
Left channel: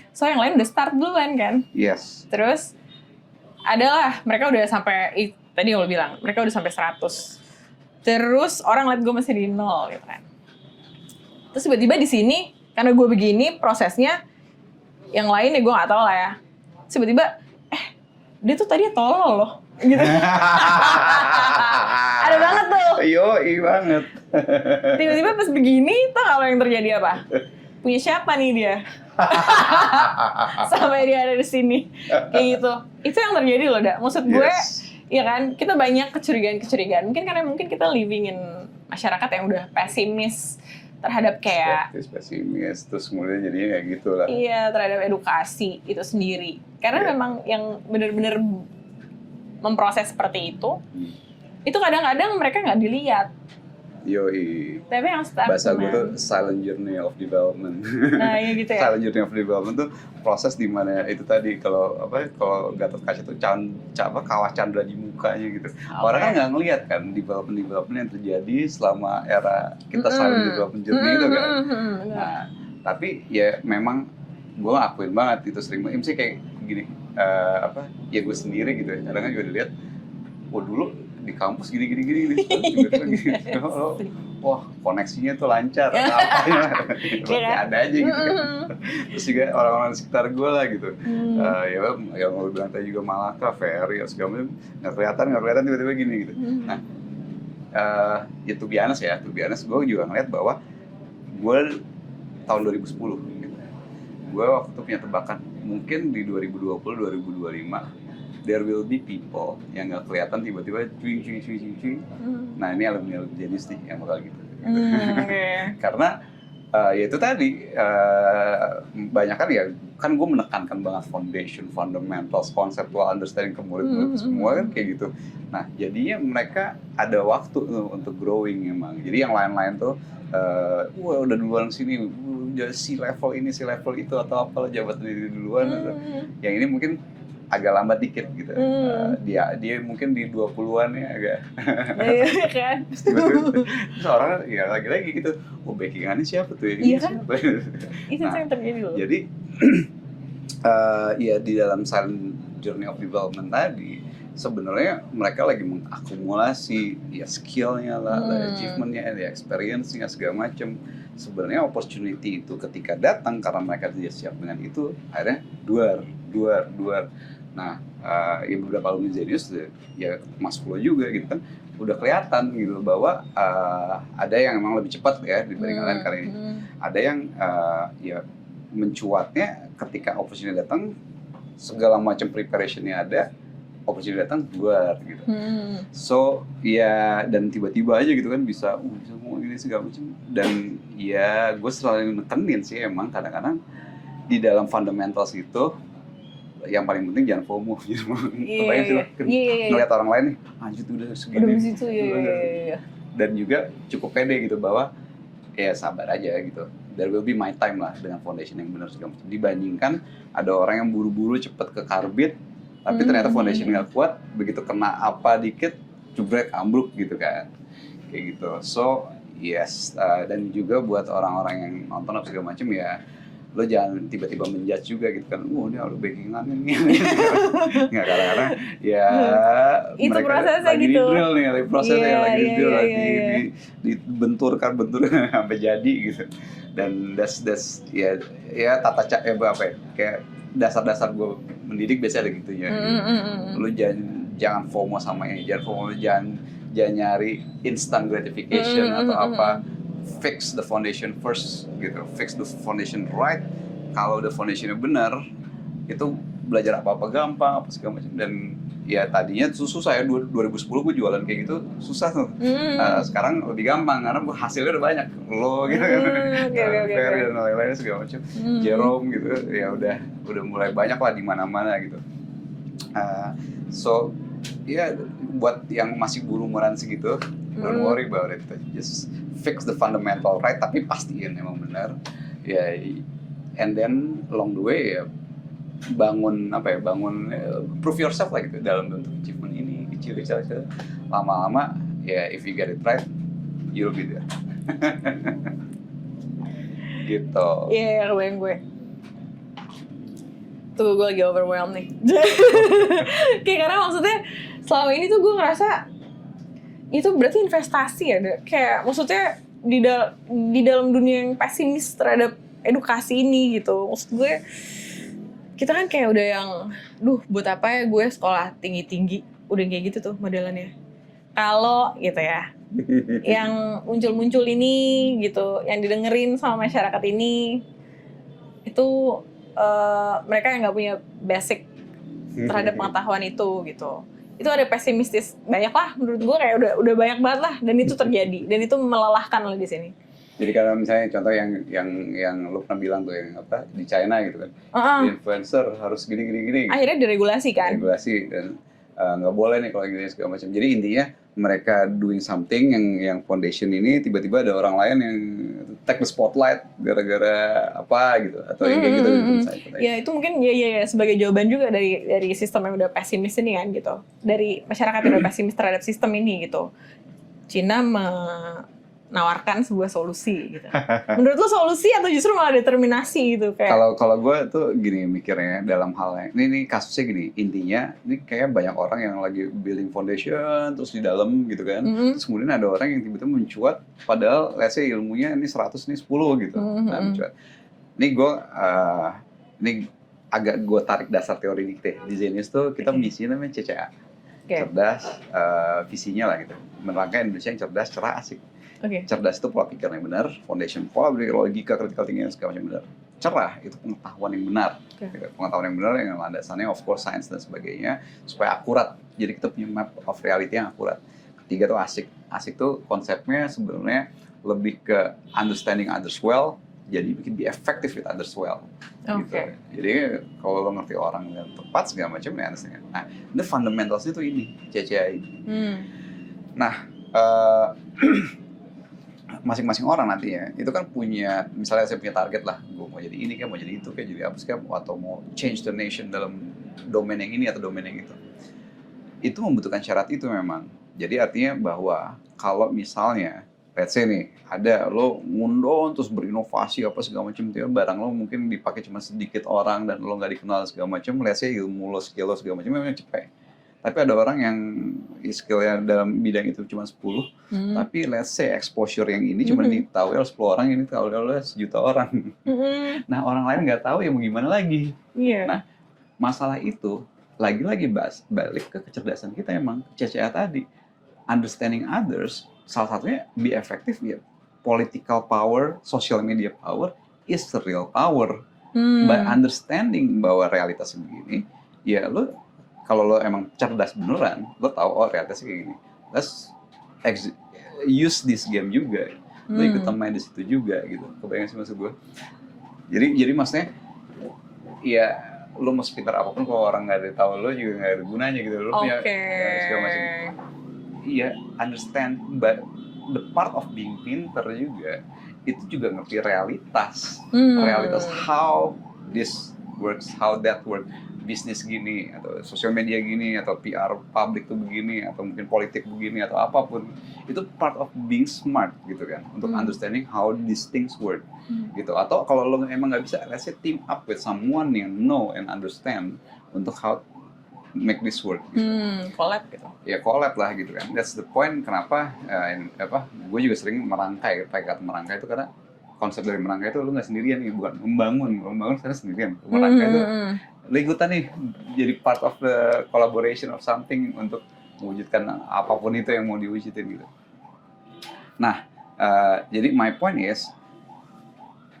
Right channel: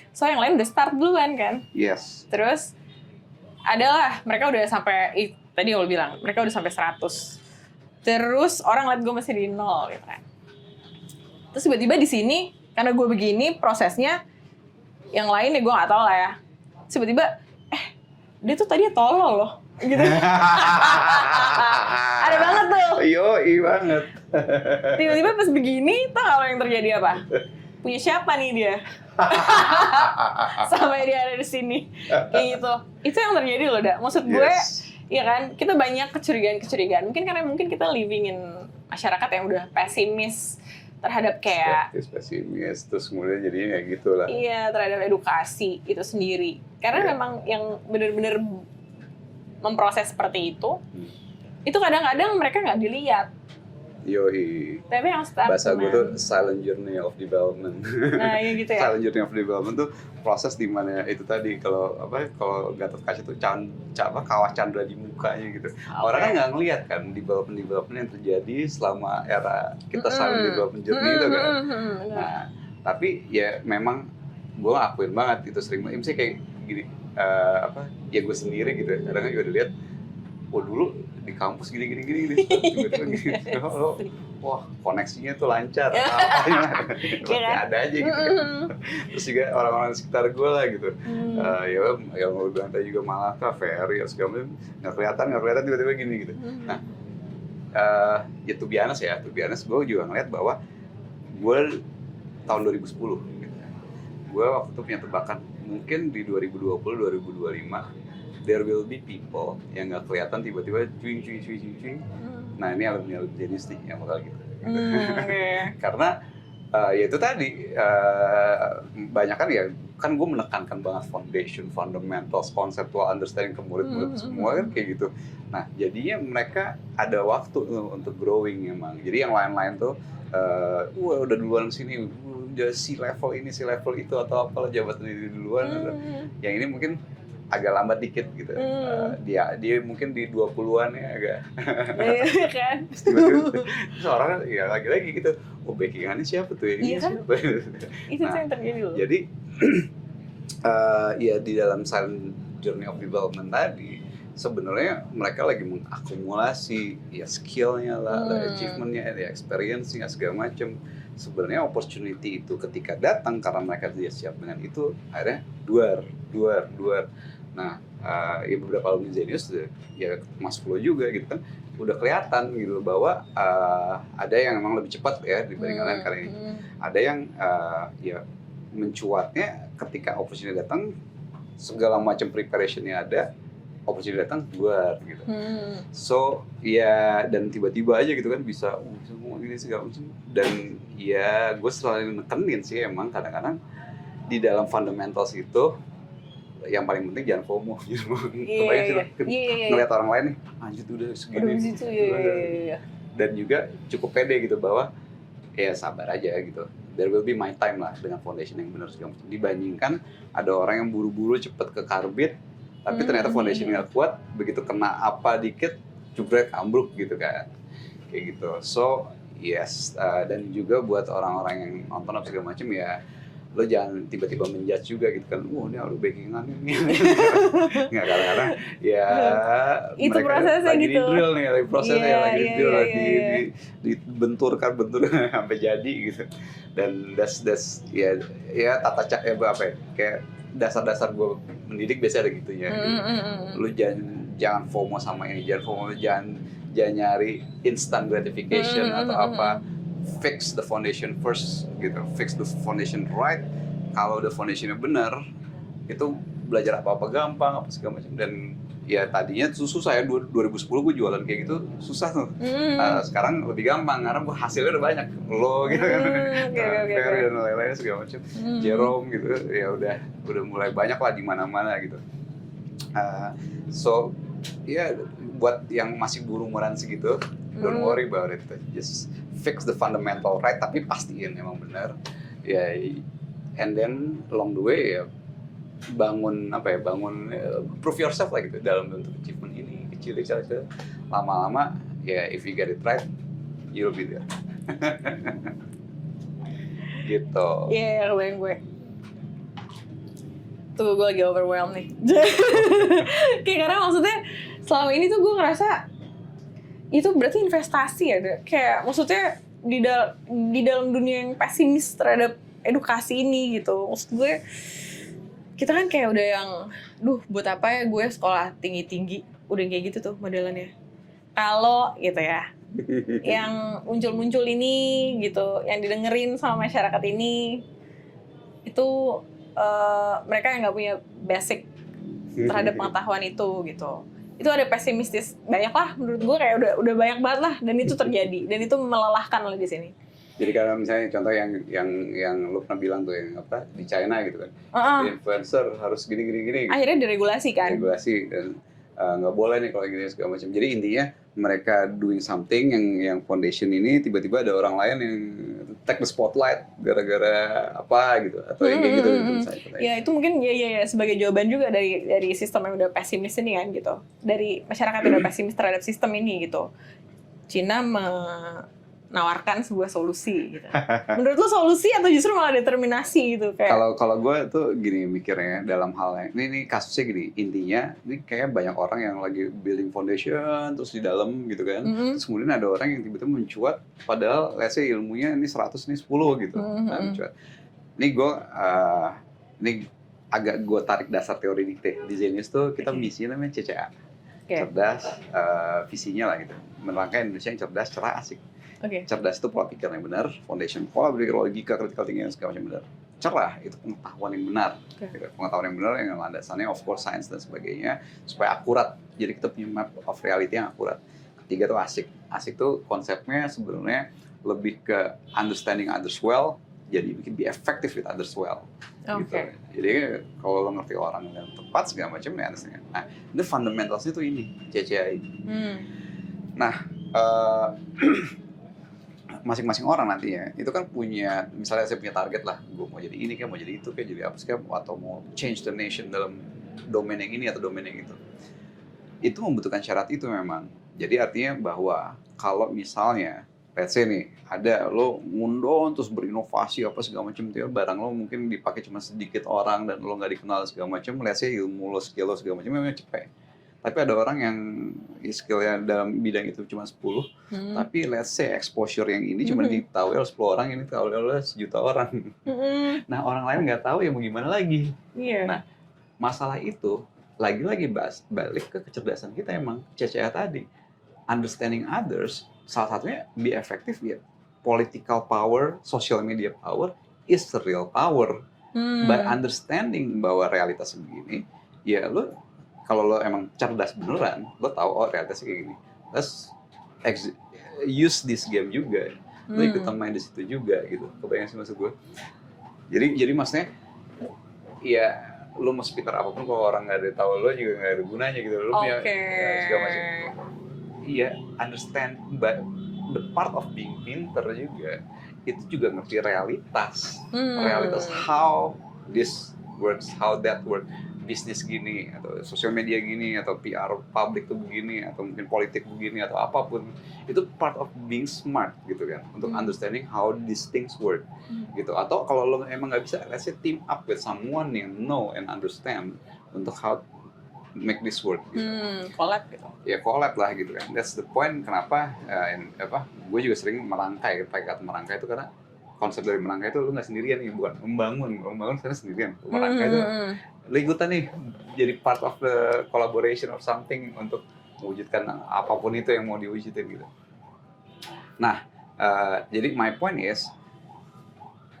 So yang lain udah start duluan kan. Yes. Terus adalah mereka udah sampai tadi yang lo bilang, mereka udah sampai 100. Terus orang liat gue masih di 0 gitu kan. Terus tiba-tiba di sini karena gue begini prosesnya, yang lain ya gue nggak tahu lah ya. Tiba-tiba dia tuh tadi tolol loh gitu. Ada banget tuh. Iya banget. Tiba-tiba pas begini tuh kalau yang terjadi apa? Punya siapa nih dia? Sampai dia ada di sini kayak gitu. Itu yang terjadi loh, Da. Maksud gue, ya kan, kita banyak kecurigaan. Mungkin karena kita living in masyarakat yang udah pesimis terhadap kayak pesimis, terus kemudian jadinya kayak gitu lah. Iya, terhadap edukasi itu sendiri. Karena memang yang benar-benar memproses seperti itu kadang-kadang mereka nggak dilihat. Yoi. Tapi yang stagnan. Silent journey of development. Nah, iya gitu ya. Silent journey of development itu proses di mana itu tadi kalau Gatot Kaca itu kawah Chandra di mukanya gitu. Orang nggak ngelihat kan development yang terjadi selama era kita silent development journey itu kan. Nah, tapi ya memang gue akuin banget gitu sering sih kayak gini ya gue sendiri gitu. Kadang juga dilihat, oh dulu di kampus gini. Wah, koneksinya tuh lancar. Iya kan? Ada aja gitu. Terus juga orang-orang sekitar gue lah gitu. Ya kalau bilang tadi juga Malaka, Ferry, ya segala macam nggak kelihatan tiba-tiba gini gitu. Nah, ya to be honest gue juga ngeliat bahwa gue tahun 2010 gue waktu punya tebakan mungkin di 2020-2025 there will be people yang nggak kelihatan tiba-tiba cuy. Nah ini lebih jenius sih yang bakal gitu. Karena ya itu tadi banyak kan gue menekankan banget foundation, fundamentals, conceptual understanding kemudian semua kayak gitu. Nah jadinya mereka ada waktu untuk growing memang. Jadi yang lain-lain tuh wah udah duluan sini si level ini si level itu atau apalah jabat dari duluan yang ini mungkin agak lambat dikit gitu. Dia mungkin di 20-an ya agak kan. Seorang ya lagi-lagi gitu, backingannya siapa tuh ya? Iya kan? Itu yang terjadi loh. Jadi ya di dalam silent journey of development tadi sebenarnya mereka lagi mengakumulasi ya skillnya lah, achievementnya, experience-nya segala macam. Sebenarnya opportunity itu ketika datang karena mereka tidak siap dengan itu akhirnya dua. Nah ya beberapa lebih serius ya Mas Flo juga gitu kan udah kelihatan gitu bahwa ada yang memang lebih cepat ya dibanding lain kali ini. Ada yang ya mencuatnya ketika opportunity datang segala macam preparationnya ada, opportunity datang buat gitu. So ya dan tiba-tiba aja gitu kan bisa semua ini segala macam. Dan ya gue selalu nekenin sih emang kadang-kadang di dalam fundamentals itu yang paling penting jangan FOMO gitu. Iya. Lihat orang lain anjir udah segini. Udah di situ iya. Dan juga cukup pede gitu bahwa ya sabar aja gitu. There will be my time lah dengan foundation yang benar segala macam. Dibandingkan ada orang yang buru-buru cepat ke karbit tapi ternyata foundation nggak kuat, begitu kena apa dikit jebrek ambruk gitu kan kayak gitu. So yes, dan juga buat orang-orang yang nonton apa segala macam ya lo jangan tiba-tiba menjudge juga gitu kan, udah backingan ini ya itu prosesnya gitu iya dibenturkan sampai jadi gitu. Dan das ya tata cara kayak dasar-dasar gue mendidik biasanya gitu ya. Lu jangan FOMO sama ini, jangan nyari instant gratification atau apa. Fix the foundation first gitu, fix the foundation right. Kalau the foundationnya benar, itu belajar apa gampang, apa segala macam. Dan ya tadinya susah ya 2010 gue jualan kayak gitu susah tuh. Sekarang lebih gampang karena hasilnya udah banyak lo gitu. Oke. Dan lain-lain segala macam. Jerome gitu ya udah mulai banyak lah di mana-mana gitu. So ya buat yang masih buru-buruan segitu, don't worry about it. Just fix the fundamental right, tapi pastiin memang benar. Ya, and then along the way ya bangun prove yourself lah gitu dalam bentuk achievement ini kecil saja. Lama-lama ya if you get it right, you'll be there. Gitu. Iya, kebayang gue. Tuh gue lagi overwhelmed nih. Kayak karena maksudnya selama ini tuh gue ngerasa itu berarti investasi ya. Kayak maksudnya di dalam dunia yang pesimis terhadap edukasi ini gitu. Maksud gue kita kan kayak udah yang buat apa ya gue sekolah tinggi-tinggi, udah kayak gitu tuh modelannya. Kalau gitu ya yang muncul-muncul ini gitu, yang didengerin sama masyarakat ini itu mereka yang nggak punya basic terhadap pengetahuan itu gitu. Itu ada pesimistis banyak lah menurut gue, kayak udah banyak banget lah, dan itu terjadi dan itu melelahkan lah di sini. Jadi kalau misalnya contoh yang lu pernah bilang tuh yang apa di China gitu kan, influencer harus gini. Akhirnya diregulasi kan? Regulasi dan nggak boleh nih kalau gini segala macam. Jadi intinya mereka doing something yang foundation ini tiba-tiba ada orang lain yang take the spotlight gara-gara apa gitu. Ya itu mungkin ya sebagai jawaban juga dari sistem yang udah pesimis ini kan gitu. Dari masyarakat yang udah pesimis terhadap sistem ini gitu. Cina menawarkan sebuah solusi gitu. Menurut lo solusi atau justru malah determinasi gitu kayak? Kalau gue tuh gini mikirnya dalam halnya, ini kasusnya gini, intinya ini kayak banyak orang yang lagi building foundation terus di dalam gitu kan, terus kemudian ada orang yang tiba-tiba mencuat, padahal let's say ilmunya ini 100 ini 10 gitu, mencuat. Ini gue, ini agak gue tarik dasar teori di Zenius tuh kita misinya namanya CCA, cerdas, visinya lah gitu, melangkah Indonesia yang cerdas, cerah, asik. Cerdas itu pola pikir yang benar, foundation probably, logika, critical thinking, segala yang benar. Cerah itu pengetahuan yang benar, pengetahuan yang benar yang landasannya of course science dan sebagainya supaya akurat. Jadi kita punya map of reality yang akurat. Tiga itu asik. Asik itu konsepnya sebenarnya lebih ke understanding others well, jadi be effective with others well. Gitu. Jadi kalau lo ngerti orang yang tepat segala macam ya, nah ini fundamentalsnya itu ini CCI. Nah masing-masing orang nantinya itu kan punya, misalnya saya punya target lah, gue mau jadi ini, kayak mau jadi itu, kayak jadi apa sih, atau mau change the nation dalam domain yang ini atau domain yang itu membutuhkan syarat itu memang. Jadi artinya bahwa kalau misalnya let's say nih ada lo ngundon terus berinovasi apa segala macam, dia barang lo mungkin dipakai cuma sedikit orang dan lo nggak dikenal segala macam, let's say ilmu lo, skill lo segala macam memang cepat. Tapi ada orang yang skillnya dalam bidang itu cuma 10, tapi let's say exposure yang ini cuma ditahu oleh 10 orang, ini tahu oleh 1 juta orang. Nah orang lain nggak tahu ya mau gimana lagi. Nah masalah itu lagi-lagi balik ke kecerdasan kita emang, CCA tadi, understanding others, salah satunya be effective ya. Political power, social media power is the real power. By understanding bahwa realitas begini, ya lo kalau lo emang cerdas beneran, lo tahu oh realitas ini, let's use this game juga, ikutan main di situ juga gitu. Kebayang sih maksud gue. Jadi maksudnya, ya lo mau sepintar apapun kalau orang nggak ada tahu lo juga nggak ada gunanya gitu. Lo punya iya understand, but the part of being pinter juga itu juga ngerti realitas, realitas how this works, how that works. Bisnis gini, atau sosial media gini, atau PR publik itu begini, atau mungkin politik begini, atau apapun, itu part of being smart gitu kan, untuk understanding how these things work gitu. Atau kalau lo emang nggak bisa, kasih team up with someone yang know and understand untuk how make this work. Collab gitu. Ya collab lah gitu kan. That's the point kenapa gue juga sering merangkai, pakai kata merangkai itu karena konsep dari merangkai itu lo nggak sendirian nih, bukan membangun sekarang sendirian. Lo ikutan nih jadi part of the collaboration of something untuk mewujudkan apapun itu yang mau diwujudin gitu. Nah, jadi my point is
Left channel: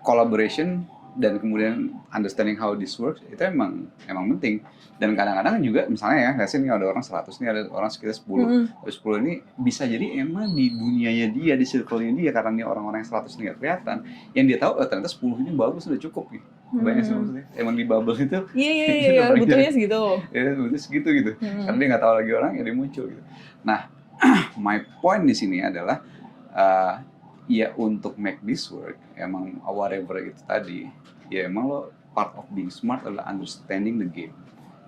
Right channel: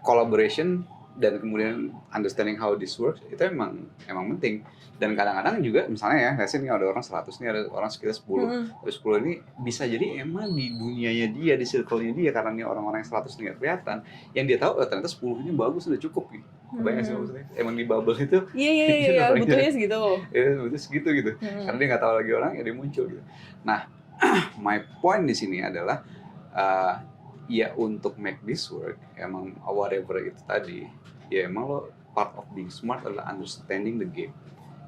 collaboration dan kemudian understanding how this works itu emang penting. Dan kadang-kadang juga misalnya ya, nggak sih ini ada orang 100 nih, ada orang sekitar 10. 10 ini bisa jadi emang di dunianya dia, di circle-nya dia, karena ini orang-orang yang 100 nggak kelihatan. Yang dia tahu ternyata 10 ini bagus, sudah cukup gitu. Banyak sebetulnya. Emang di bubble itu. Iya, butuhnya segitu. Ya, butuhnya segitu gitu. Karena dia nggak tahu lagi orang, ya dia muncul gitu. Nah, my point di sini adalah ya untuk make this work, emang whatever itu tadi, ya emang lo part of being smart adalah understanding the game.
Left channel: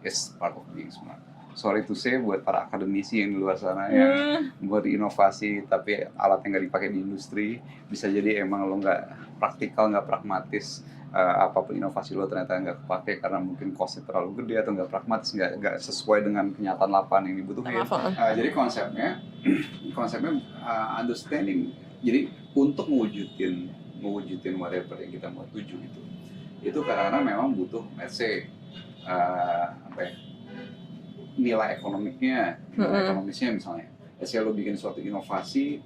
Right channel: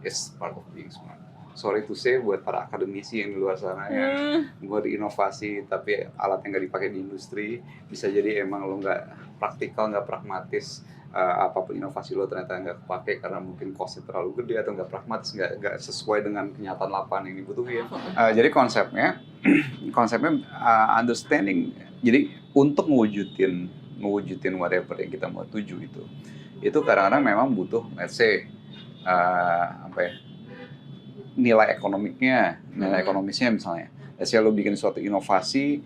Is part of being smart. Sorry to say buat para akademisi yang di luar sana yang buat inovasi tapi alatnya nggak dipakai di industri, bisa jadi emang lo nggak praktikal, nggak pragmatis, apapun inovasi lo ternyata nggak kepake karena mungkin costnya terlalu gede atau nggak pragmatis, nggak sesuai dengan kenyataan lapangan yang dibutuhkan. Jadi konsepnya understanding. Jadi untuk mewujudin whatever yang kita mau tuju itu kadang-kadang memang butuh let's say nilai ekonomisnya misalnya. Let's say lo bikin suatu inovasi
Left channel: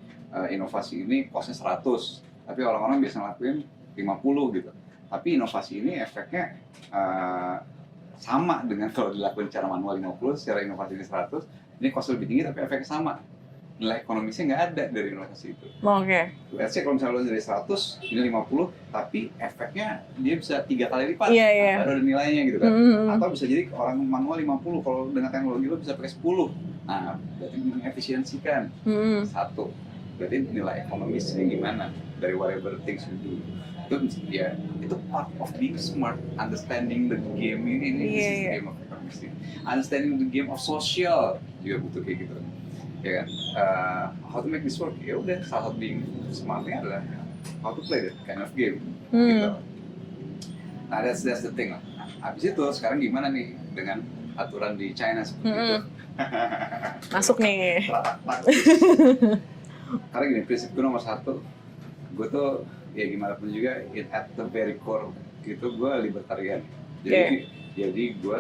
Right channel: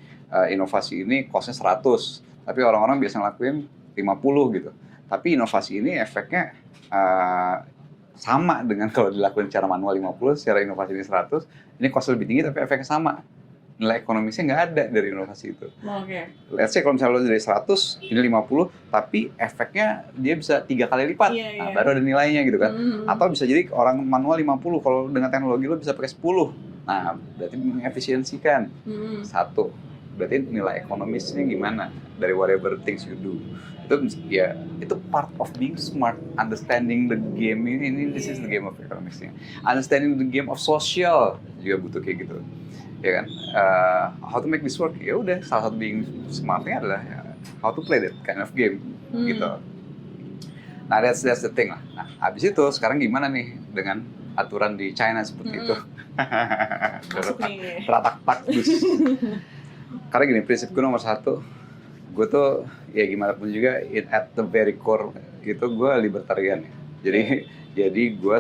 ini costnya 100, tapi orang-orang biasa ngelakuin 50 gitu. Tapi inovasi ini efeknya sama dengan kalau dilakukan secara manual 50, secara inovasi ini 100, ini cost lebih tinggi tapi efeknya sama. Nilai ekonomisnya nggak ada dari inovasi itu. Let's say kalau misalnya lo dari 100, ini 50, tapi efeknya dia bisa 3 kali lipat, baru ada nilainya gitu kan. Atau bisa jadi orang manual 50, kalau dengan teknologi lo bisa pakai 10. Nah, berarti mengefisiensikan. Satu. berarti nilai ekonomisnya gimana dari whatever things you do. Itu ya, itu part of being smart, understanding the game ini this is the game of economics nih. Understanding the game of social juga butuh kayak gitu, ya kan. How to make this work, ya udah salah satu being smartnya adalah how to play that kind of game gitu. Nah that's the thing lah. Nah, habis itu sekarang gimana nih dengan aturan di China seperti itu? Masuk nih. Teratak taktis. Karena gini, prinsip gue nomor satu, gue tuh ya gimana pun juga at the very core itu gue libertarian. Jadi gue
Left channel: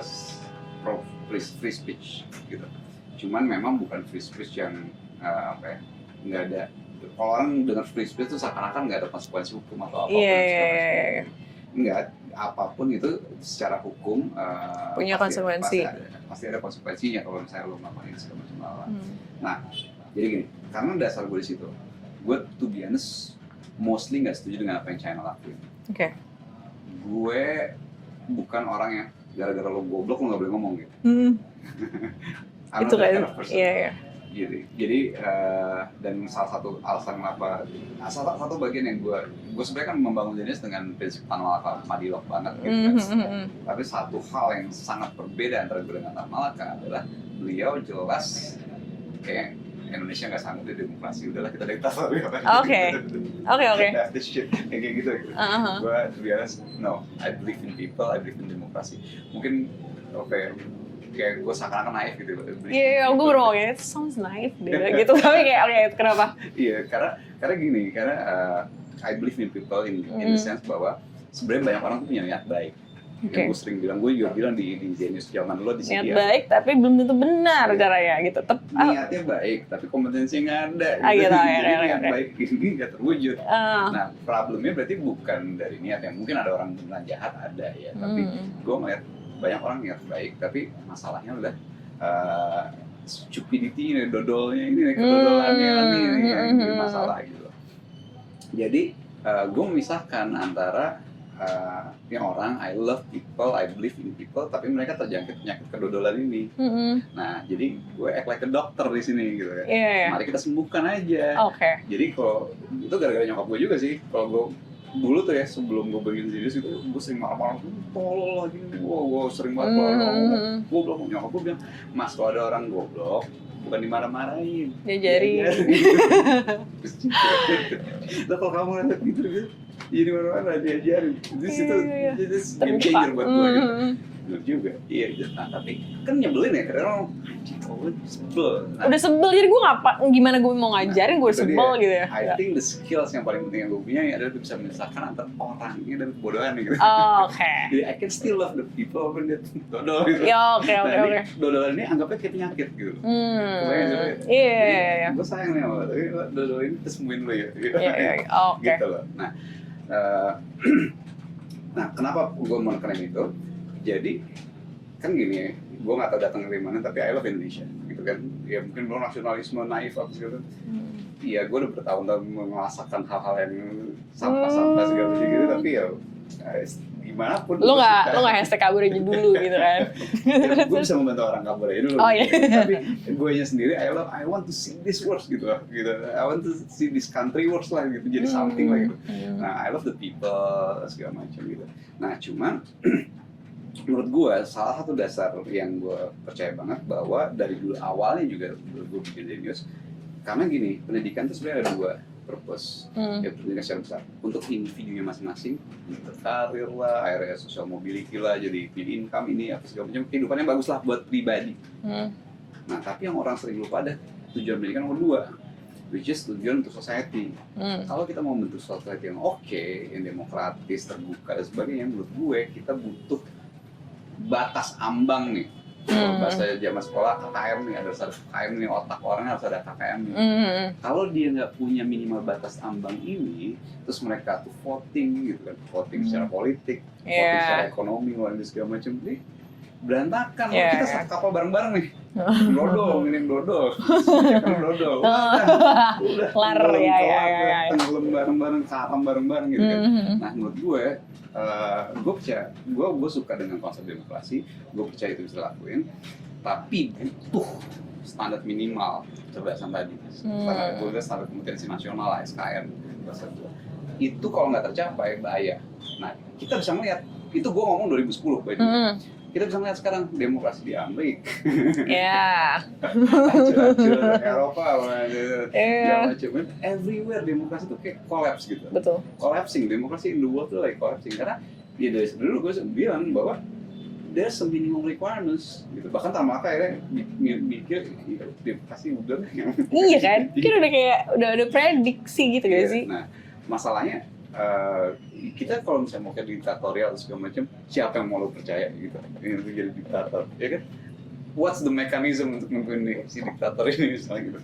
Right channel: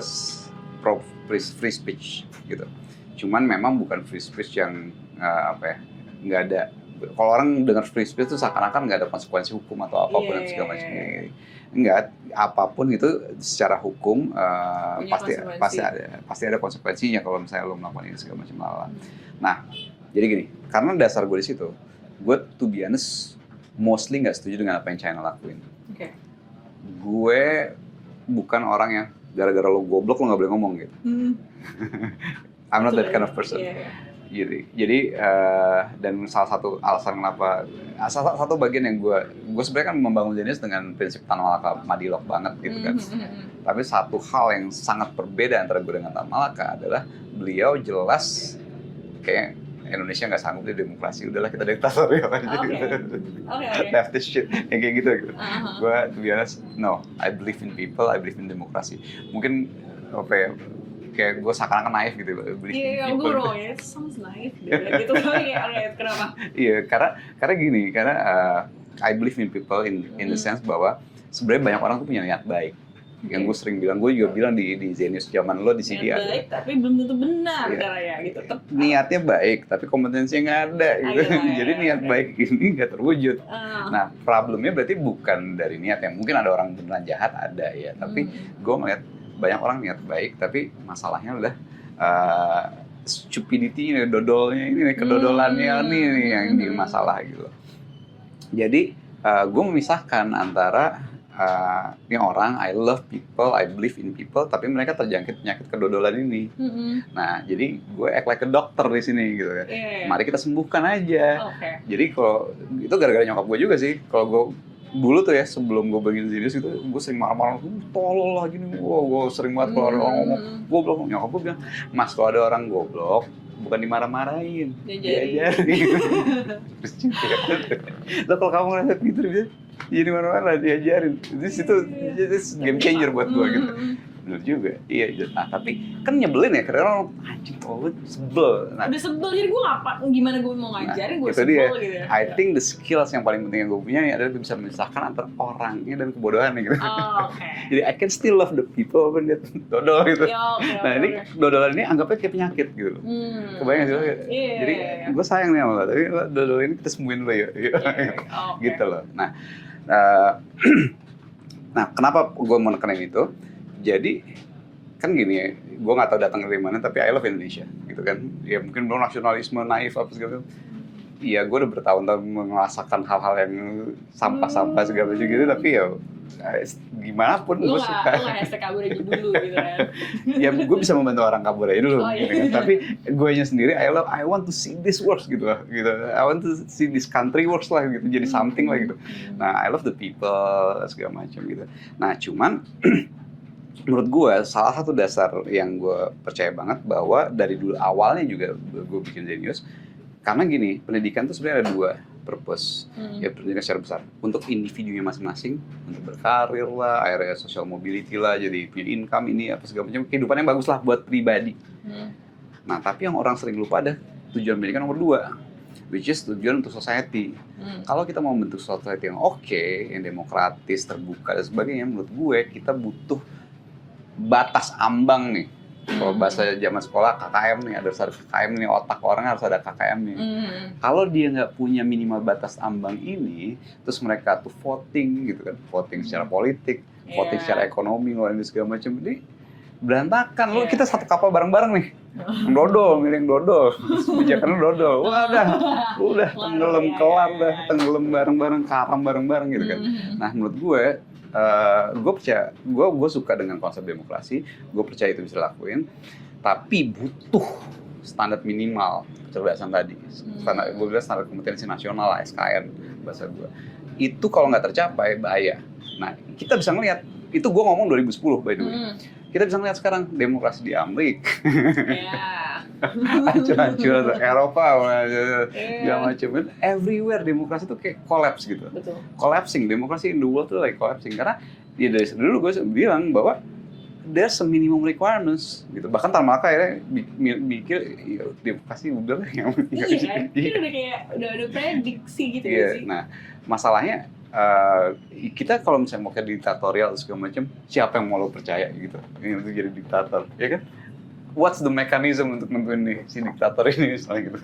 pro free speech gitu. Cuman memang bukan free speech yang nggak ada. Kalau orang dengar free speech itu seakan-akan nggak ada konsekuensi hukum atau apapun segala macam. Enggak, apapun itu secara hukum punya konsekuensi. Pasti ada konsekuensinya kalau misalnya lo melakukan ini segala macam hal. Nah, jadi gini, karena dasar gue di situ, gue to be honest mostly nggak setuju dengan apa yang China lakuin. Gue bukan orang yang gara-gara lo goblok lo nggak boleh ngomong gitu. I'm not that kind of person. Jadi dan salah satu alasan kenapa, salah satu bagian yang gue sebenarnya kan membangun Zenius dengan prinsip Tan Malaka Madilog banget gitu kan. Tapi satu hal yang sangat berbeda antara gue dengan Tan Malaka adalah beliau jelas kayak Indonesia nggak sanggup di demokrasi, udahlah kita diktatorial aja. Oke. That's the shit, yang kayak gitu. Gue to be honest, no, I believe in people, I believe in demokrasi. Mungkin kayak gue seakan-akan naif gitu loh. Iya, gue bro ya, it sounds naif gitu. Tapi kayak kenapa? Iya, karena gini, karena I believe in people in the sense bahwa sebenarnya banyak orang tuh punya niat baik. Yang gue sering bilang, gue juga bilang di Zenius zaman lo di sini. Niat baik tapi belum tentu benar caranya gitu. Niatnya baik tapi kompetensinya nggak ada. Gitu. Jadi niat baik ini nggak terwujud. Nah, problemnya berarti bukan dari niat ya. Mungkin ada orang beneran jahat, ada ya. Tapi gue ngeliat banyak orang niat baik, tapi masalahnya udah stupidity ini, dodolnya ini, kedodolannya ini yang jadi masalah gitu. Jadi gue memisahkan antara ini orang, I love people, I believe in people, tapi mereka terjangkit penyakit kedodolan ini. Nah, jadi gue act like a doctor di sini gitu ya. Mari kita sembuhkan aja. Jadi kalau itu gara-gara nyokap gue juga sih. Kalau gue dulu tuh ya, sebelum gue bikin Zenius itu, gue sering marah-marah, tolol lah gini. Gue sering banget kalau ada orang ngomong goblok, nyokap gue bilang, Mas kalau ada orang goblok, bukan dimarah-marahin, diajarin. Lo kalau kamu ngeliat gitu, dia jadi mana-mana diajarin. Jadi situ game changer buat gue gitu. Bener juga, iya. Nah, tapi kan nyebelin ya, karena orang anjing, gue sebel. Udah sebel, jadi gue gimana gue mau ngajarin, gue sebel gitu ya. I think the skills yang paling penting yang gue punya adalah bisa memisahkan antara orangnya dan kebodohan gitu. Jadi I can still love the people when dia dodol gitu. Nah ini dodolan ini anggapnya kayak penyakit gitu. Kebayang sih. Jadi gue sayang nih sama lo, tapi dodol ini kita sembuhin dulu ya. Gitu loh. Nah, kenapa gue mau nekenin itu? Jadi kan gini ya, gue nggak tahu datang dari mana, tapi I love Indonesia gitu kan. Ya mungkin lo nasionalisme naif apa segala macam. Iya, gue udah bertahun-tahun merasakan hal-hal yang sampah-sampah segala macam gitu, tapi ya gimana pun lo nggak hashtag kabur aja dulu gitu kan. Ya gue bisa membantu orang kabur aja dulu. Tapi gue nya sendiri I want to see this works gitu. I want to see this country works lah gitu, jadi something lah gitu. Nah, I love the people segala macam gitu. Nah, cuman menurut gue salah satu dasar yang gue percaya banget bahwa dari dulu awalnya juga gue bikin Zenius, karena gini, pendidikan itu sebenarnya ada dua purpose. Ya, pendidikan secara besar untuk individunya masing-masing, untuk berkarir lah, area social mobility lah, jadi punya income ini apa segala macam, kehidupan yang bagus lah buat pribadi. Nah, tapi yang orang sering lupa ada tujuan pendidikan nomor 2, which is tujuan untuk society. Kalau kita mau bentuk society yang oke, yang demokratis, terbuka dan sebagainya, menurut gue kita butuh batas ambang nih. Kalau bahasa zaman sekolah KKM nih, harus ada KKM nih, otak orang harus ada KKM nih. Kalau dia nggak punya minimal batas ambang ini, terus mereka tuh voting gitu kan, voting secara politik, voting secara ekonomi, ngeluarin segala macam, ini berantakan. Loh, kita satu kapal bareng-bareng nih, dodol, miring dodol, karena dodol, udah tenggelam kelar, tenggelam bareng-bareng, karam bareng-bareng gitu kan. Nah, menurut gue percaya, gue suka dengan konsep demokrasi, gue percaya itu bisa dilakuin, tapi butuh standar minimal kecerdasan tadi. Standar, gue bilang standar kompetensi nasional lah, SKN bahasa gue. Itu kalau nggak tercapai bahaya. Nah, kita bisa melihat, itu gue ngomong 2010 by the way. Kita bisa melihat sekarang demokrasi di Amerika. Ya. Hancur-hancur Eropa, segala macam. Everywhere demokrasi tuh kayak collapse gitu. Betul. Collapsing, demokrasi in the world tuh like collapsing. Karena ya dari dulu gue bilang bahwa there's a minimum requirements gitu. Bahkan Tamaka ya bikin demokrasi udah lah. Iya kan? Kita udah kayak udah prediksi gitu gak sih? Nah, masalahnya kita kalau misalnya mau ke diktatorial segala macam, siapa yang mau lo percaya gitu? Ingin jadi diktator, ya kan? What's the mechanism untuk nentuin nih si diktator ini misalnya gitu?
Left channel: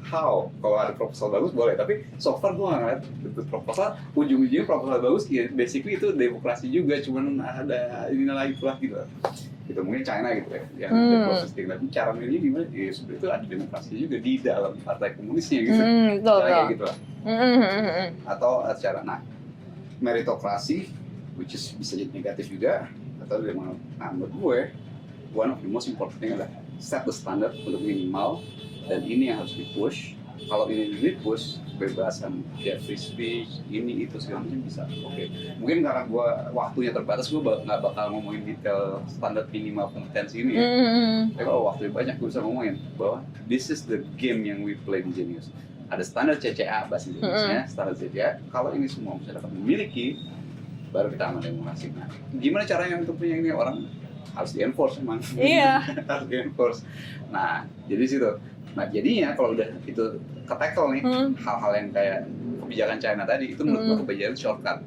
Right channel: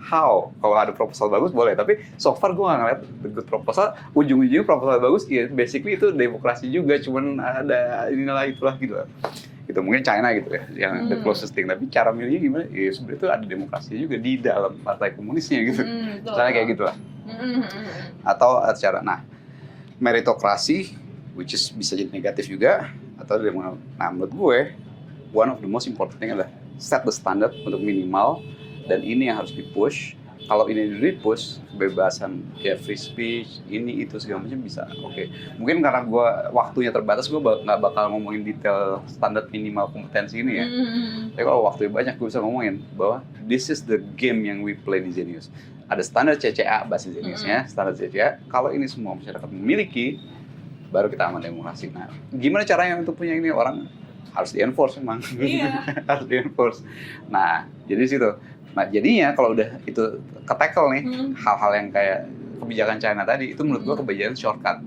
How? Kalau ada proposal bagus boleh, tapi so far gue nggak ngeliat good proposal. Ujung-ujungnya proposal bagus, ya basically itu demokrasi juga, cuman ada inilah itulah gitu. Gitu mungkin China gitu ya, yang the closest thing. Tapi cara milihnya gimana? Ya sebenarnya itu ada demokrasi juga di dalam partai komunisnya gitu. Misalnya kayak gitu lah. Atau secara, nah meritokrasi, which is bisa jadi negatif juga, atau nah menurut gue one of the most important thing adalah set the standard untuk minimal, dan ini yang harus di-push. Kalau ini di-push, kebebasan kayak free speech, ini itu segala macam bisa. Oke. Mungkin karena gue waktunya terbatas, gue nggak bakal ngomongin detail standar minimal kompetensi ini ya. Tapi kalau waktunya banyak, gue bisa ngomongin bahwa this is the game yang we play di Zenius. Ada standar CCA bahasa Indonesia, standar CCA. Kalau ini semua masyarakat memiliki, baru kita aman demokrasi. Nah, gimana caranya untuk punya ini? Orang harus di-enforce memang. Iya. Harus di-enforce. Nah, jadi situ. Nah, jadinya kalau udah itu ke-tackle nih, hal-hal yang kayak kebijakan China tadi, itu menurut gue kebijakan shortcut.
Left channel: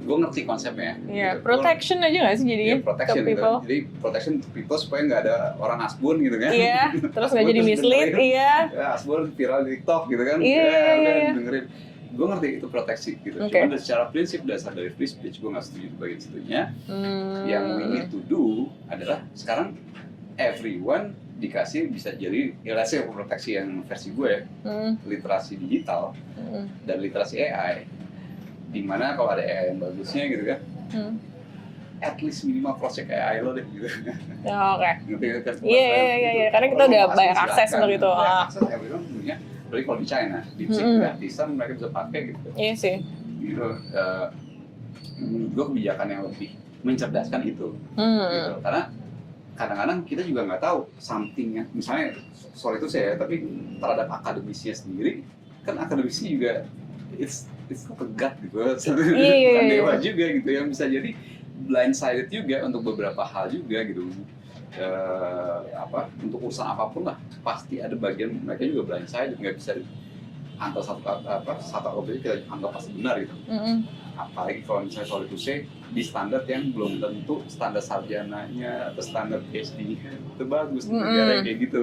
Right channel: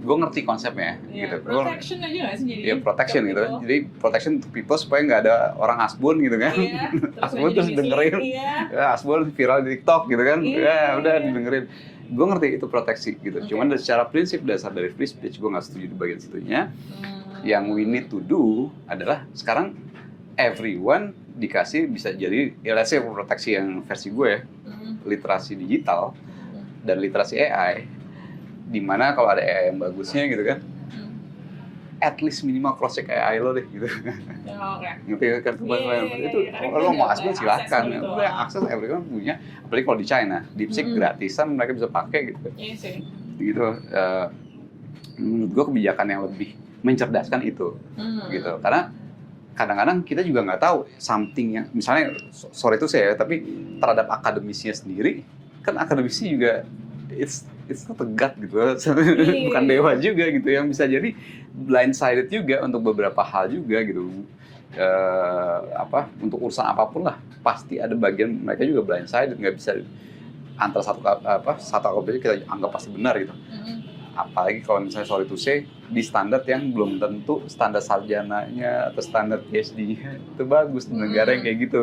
Gue ngerti konsepnya. Iya, gitu. protection aja nggak sih jadinya? Iya, protection gitu. Jadi protection to people supaya nggak ada orang asbun gitu kan. Iya, terus nggak jadi mislead. Iya. Ya, asbun viral di TikTok gitu kan. Iya, ya udah iya. dengerin. Gue ngerti itu proteksi gitu. Okay. Cuman secara prinsip dasar dari free speech gue nggak setuju di bagian situnya. Yang we need to do adalah sekarang everyone dikasih bisa jadi, ya let's say proteksi yang versi gue, literasi digital dan literasi AI, dimana kalau ada AI yang bagusnya gitu kan, at least minimal cross check AI lo deh gitu. Ya, oke. Ngerti kan? Iya, karena kita udah banyak akses seperti itu. Banyak akses, everyone punya. Apalagi kalau di China, DeepSeek gratisan mereka bisa pakai gitu. Iya sih. Gitu. Menurut gue kebijakan yang lebih mencerdaskan itu, gitu. Karena kadang-kadang kita juga nggak tahu something yang, misalnya sorry itu saya, tapi terhadap akademisinya sendiri, kan akademisi juga it's not a god gitu, bukan dewa juga gitu, yang bisa jadi blindsided juga untuk beberapa hal juga gitu. Untuk urusan apapun lah pasti ada bagian mereka juga blindsided, nggak bisa antara satu objek kita anggap pasti benar gitu. Apalagi kalau misalnya sorry to say di standar yang belum tentu standar sarjananya atau standar PhD itu bagus di negara yang kayak gitu.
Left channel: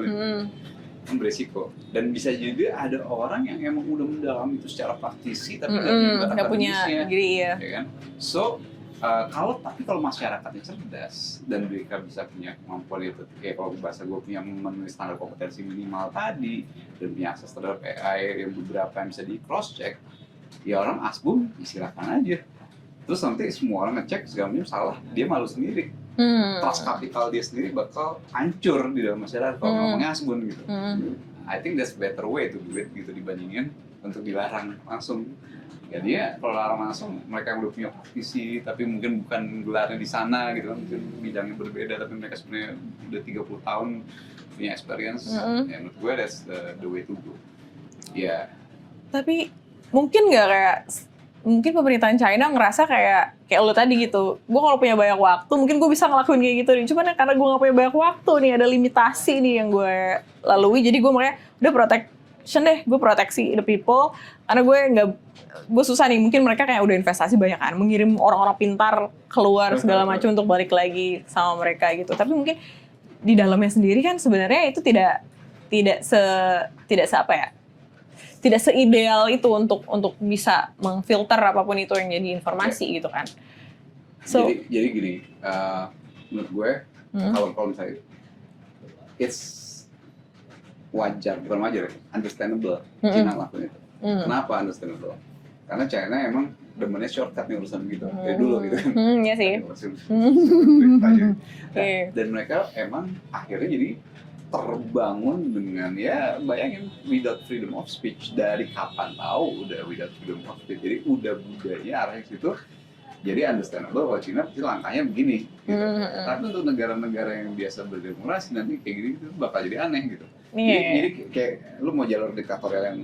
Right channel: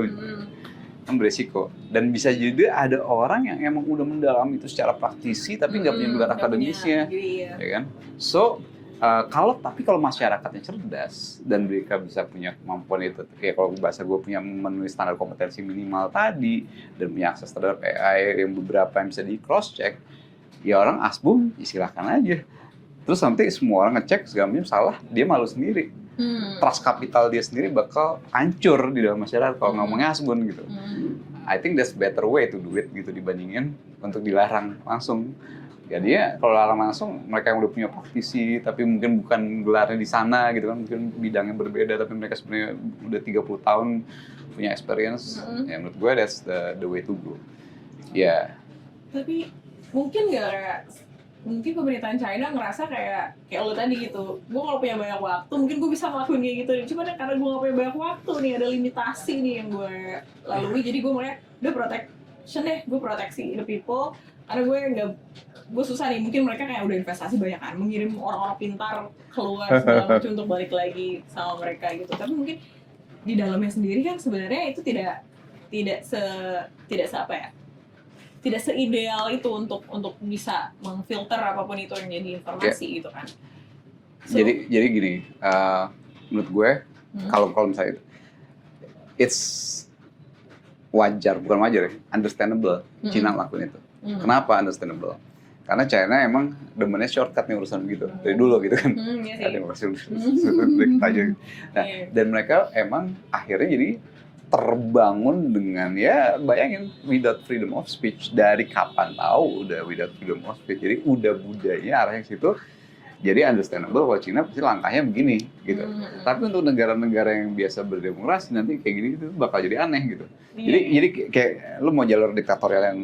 Kan beresiko, dan bisa juga ada orang yang emang udah mendalam itu secara praktisi tapi nggak punya gelar akademisnya, ya kan? So tapi kalau masyarakatnya cerdas dan mereka bisa punya kemampuan itu, kayak kalau bahasa gue punya memenuhi standar kompetensi minimal tadi dan punya akses terhadap AI yang beberapa yang bisa di cross check, ya orang asbun silakan aja. Terus nanti semua orang ngecek segala macam salah, dia malu sendiri. Trust kapital dia sendiri bakal hancur di dalam masyarakat kalau ngomongnya asbun gitu. I think that's better way to do it gitu dibandingin untuk dilarang langsung. Ya dia kalau larang langsung, mereka yang udah punya praktisi tapi mungkin bukan gelarnya di sana gitu kan, mungkin bidangnya berbeda tapi mereka sebenarnya udah 30 tahun punya experience. Ya menurut gue that's the way to go. Ya. Tapi mungkin nggak kayak, mungkin pemerintahan China ngerasa kayak lo tadi gitu, gue kalau punya banyak waktu mungkin gue bisa ngelakuin kayak gitu nih, cuman karena gue nggak punya banyak waktu nih, ada limitasi nih yang gue lalui, jadi gue makanya udah protection deh, gue proteksi the people, karena gue susah nih, mungkin mereka kayak udah investasi banyak kan, mengirim orang-orang pintar keluar segala macam untuk balik lagi sama mereka gitu, tapi mungkin di dalamnya sendiri kan sebenarnya itu tidak seideal itu untuk bisa memfilter apapun itu yang jadi informasi gitu kan. So, jadi gini, menurut gue kalau misalnya it's bukan wajar, understandable China lakuin itu. Kenapa understandable? Karena China emang demennya shortcut nih urusan begitu dari dulu gitu kan. Iya sih. Dan mereka emang akhirnya jadi terbangun dengan ya bayangin without freedom of speech dari kapan tahu udah without freedom of speech, jadi udah budayanya arahnya ke situ. Jadi understandable kalau Cina pasti langkahnya begini gitu. Tapi untuk negara-negara yang biasa berdemokrasi nanti kayak gini itu bakal jadi aneh gitu. Jadi kayak lu mau jalur diktatorial yang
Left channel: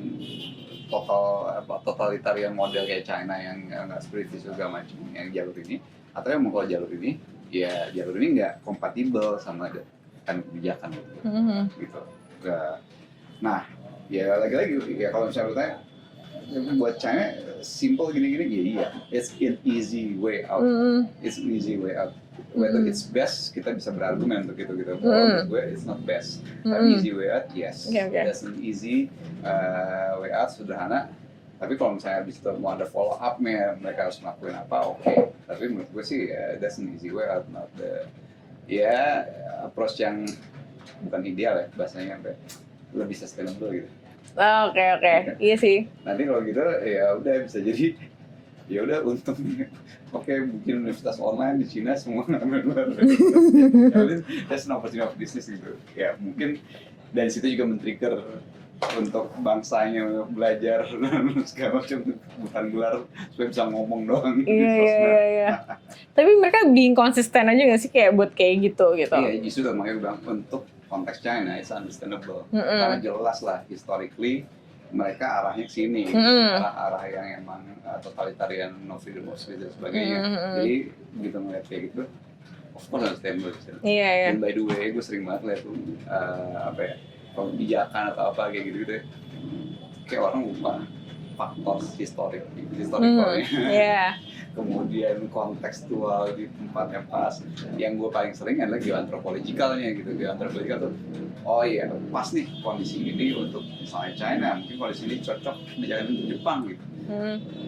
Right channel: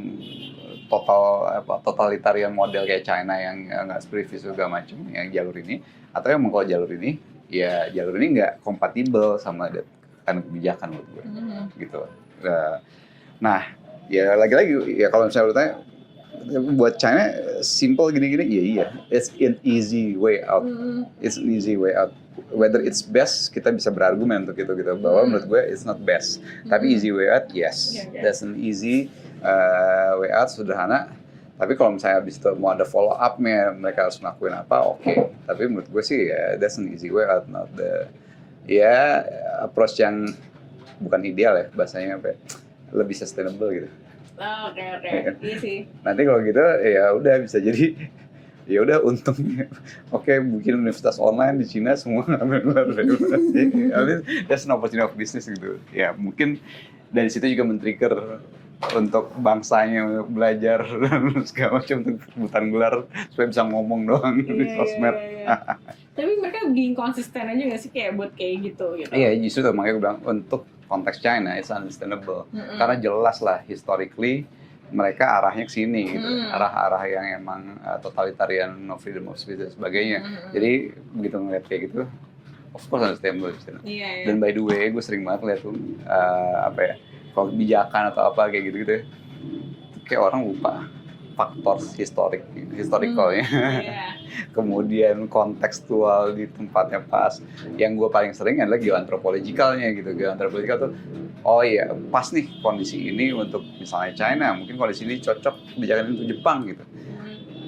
totalitarian model kayak China yang nggak seperti segala macam yang jalur ini, atau yang mau kalau jalur ini ya jalur ini nggak kompatibel sama kan kebijakan menurut gue gitu. Nah ya lagi-lagi ya kalau misalnya lu tanya buat China simple gini-gini ya iya, it's an easy way out. It's an easy way out. Whether it's best kita bisa berargumen untuk itu gitu. Bahwa menurut gue it's not best. Tapi easy way out yes. That's an easy way out, sederhana. Tapi kalau misalnya di situ mau ada follow up-nya, mereka harus ngelakuin apa, oke. Tapi menurut gue sih ya that's an easy way out, not the approach yang bukan ideal ya bahasanya, lebih sustainable gitu. Oke. Iya sih. Nanti kalau gitu ya udah bisa jadi ya udah untungnya oke, mungkin universitas online di Cina semua ngambil that's an opportunity of business gitu ya, mungkin dari situ juga men-trigger untuk bangsanya untuk belajar dan segala macam untuk rebutan gelar supaya bisa ngomong doang di sosmed. Tapi mereka being konsisten aja nggak sih kayak buat kayak gitu? Iya, justru tuh makanya gue bilang untuk konteks China it's understandable karena jelas lah historically mereka arahnya ke sini, arah-arah yang emang totalitarian, no freedom of speech dan sebagainya. Jadi begitu ngeliat kayak gitu, of course understandable. Dan by the way, gue sering banget lihat tuh kalau kebijakan atau apa kayak gitu-gitu, kayak orang lupa faktor historicalnya, kemudian kontekstual di tempatnya pas. Yang gue paling sering adalah geoantropologikalnya gitu. Geoantropologikal tuh, oh iya pas nih kondisi ini untuk misalnya China, mungkin kondisi ini cocok kebijakan untuk Jepang gitu.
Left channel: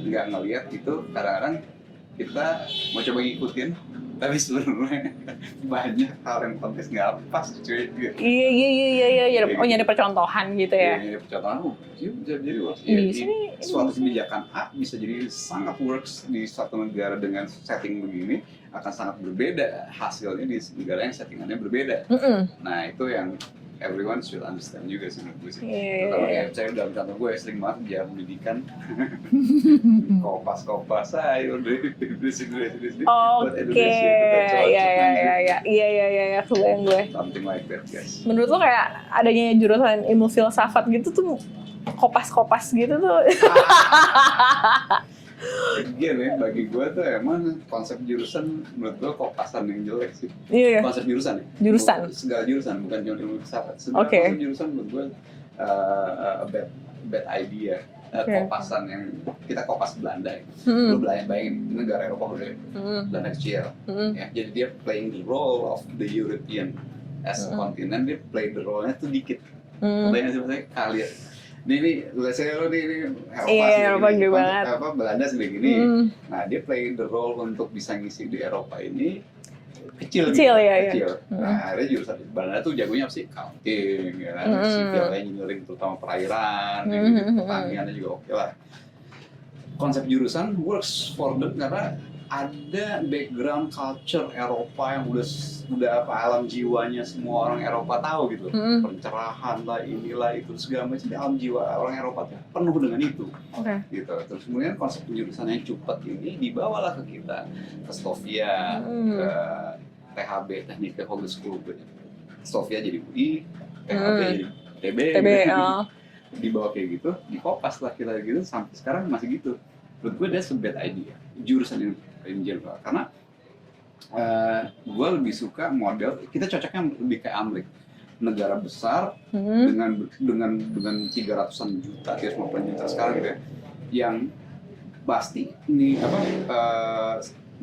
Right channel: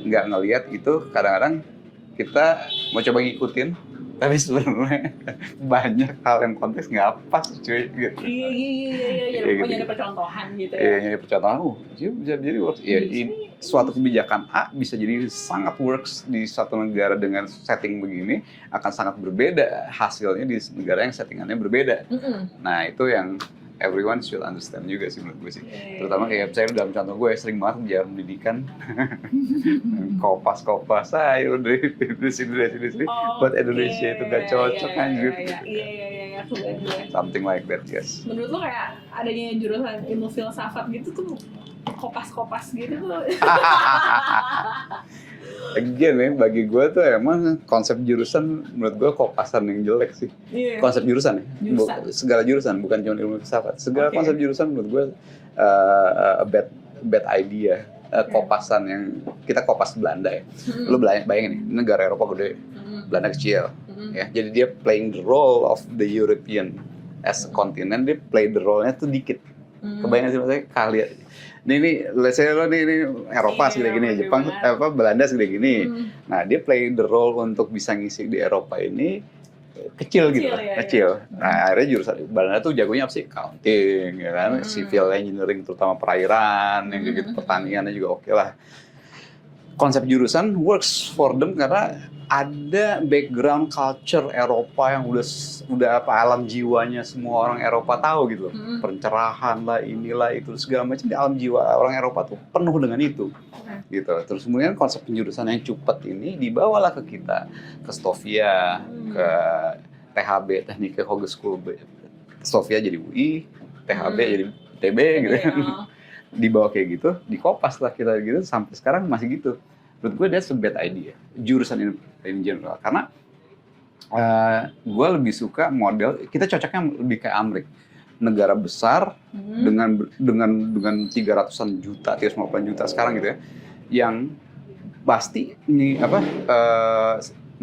Nggak ngelihat itu, kadang-kadang kita mau coba ngikutin, tapi sebenarnya banyak hal yang konteks nggak pas cuy gitu. Iya. Nyari percontohan gitu ya. Iya, nyari percontohan. Jadi works. Ya, suatu kebijakan A bisa jadi sangat works di satu negara dengan setting begini, akan sangat berbeda hasilnya di negara yang settingannya berbeda. Nah itu yang everyone should understand juga sih menurut gue sih. Terutama kayak saya dalam contoh gue sering banget bicara pendidikan, kopas ayo dari sini buat Indonesia itu gak cocok anjir. Iya, kebayang gue. Something like that, guys. Menurut lo kayak adanya jurusan ilmu filsafat gitu tuh kopas gitu tuh. Again ya, bagi gue tuh emang konsep jurusan menurut gue kopasan yang jelek sih. Konsep jurusan ya? Segala jurusan, bukan cuma ilmu filsafat. Segala konsep jurusan menurut gue bad idea. Kopasan yang kita kopas Belanda ya. Lu bayangin nih, negara Eropa gede, Belanda kecil. Ya, jadi dia playing the role of the European as a continent, dia play the role-nya tuh dikit. Kebayang sih maksudnya kalian. Ini let's say lo ini Eropa segede gini, Jepang, Belanda segede gini. Nah, dia play the role untuk bisa ngisi di Eropa ini kecil. Nah, akhirnya jurusan Belanda tuh jagonya apa sih? Accounting, ya kan? Civil engineering, terutama perairan, gitu, pertaniannya juga oke lah. Konsep jurusan works for them karena ada background culture Eropa yang udah alam jiwanya semua orang Eropa tahu gitu. Pencerahan lah, inilah itu segala macam, alam jiwa orang Eropa tuh penuh dengan itu. Gitu. Terus kemudian konsep penjurusan yang cepat ini dibawalah ke kita, ke Sofia, ke THB, Technische Hogeschool Sofia jadi UI, THB jadi TB gitu. Dibawa kayak gitu, dikopas lah kita gitu, sampai sekarang masih gitu. Menurut gue that's a bad idea, jurusan in general. Karena gue lebih suka model, kita cocoknya lebih kayak Amerika. Negara besar dengan 300-an juta, 350 juta sekarang gitu ya, yang pasti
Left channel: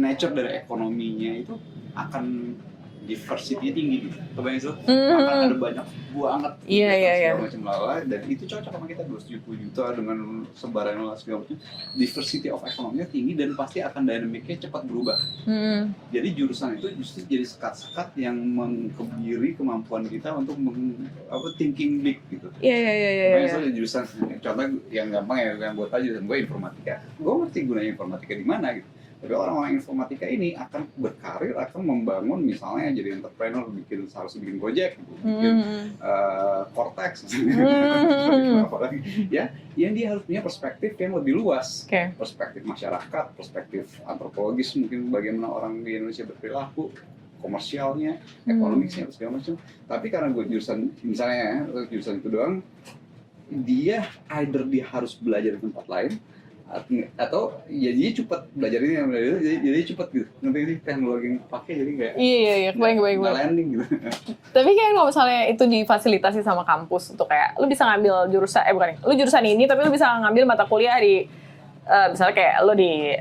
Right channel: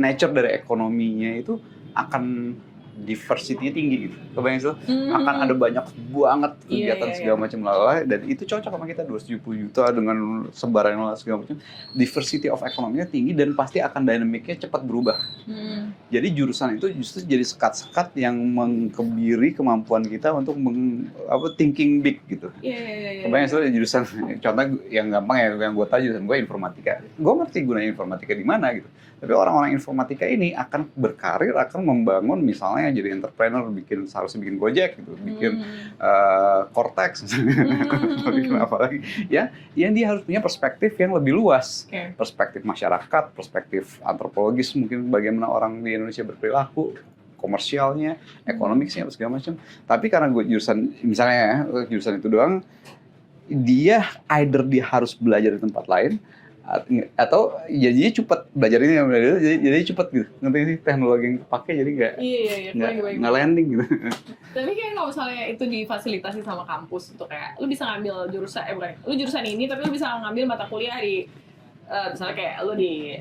nature dari ekonominya itu akan diversity-nya tinggi gitu. Kebayang itu akan ada banyak banget kegiatan segala macam lalala, dan itu cocok sama kita 270 juta dengan sebaran segala macam. Diversity of ekonominya tinggi dan pasti akan dinamiknya cepat berubah. Jadi jurusan itu justru jadi sekat-sekat yang mengkebiri kemampuan kita untuk thinking big gitu. Kebayang itu jurusan, contoh yang gampang ya, yang gue tahu jurusan gue informatika. Gue ngerti gunanya informatika di mana gitu. Tapi orang-orang informatika ini akan berkarir, akan membangun misalnya jadi entrepreneur, seharusnya bikin Gojek gitu, bikin Cortex, apalagi ya, yang dia harus punya perspektif yang lebih luas, perspektif masyarakat, perspektif antropologis mungkin bagaimana orang di Indonesia berperilaku, komersialnya, ekonomisnya, segala macam. Tapi karena gue jurusan, misalnya ya, jurusan itu doang, dia harus belajar di tempat lain, atau jadinya cepet belajar ini, jadi cepet gitu, ngerti sih teknologi yang dipakai jadi nggak landing gitu. Tapi kayak kalau misalnya itu difasilitasi sama kampus untuk kayak lu bisa ngambil jurusan, lu jurusan ini tapi lu bisa ngambil mata kuliah di misalnya kayak lu di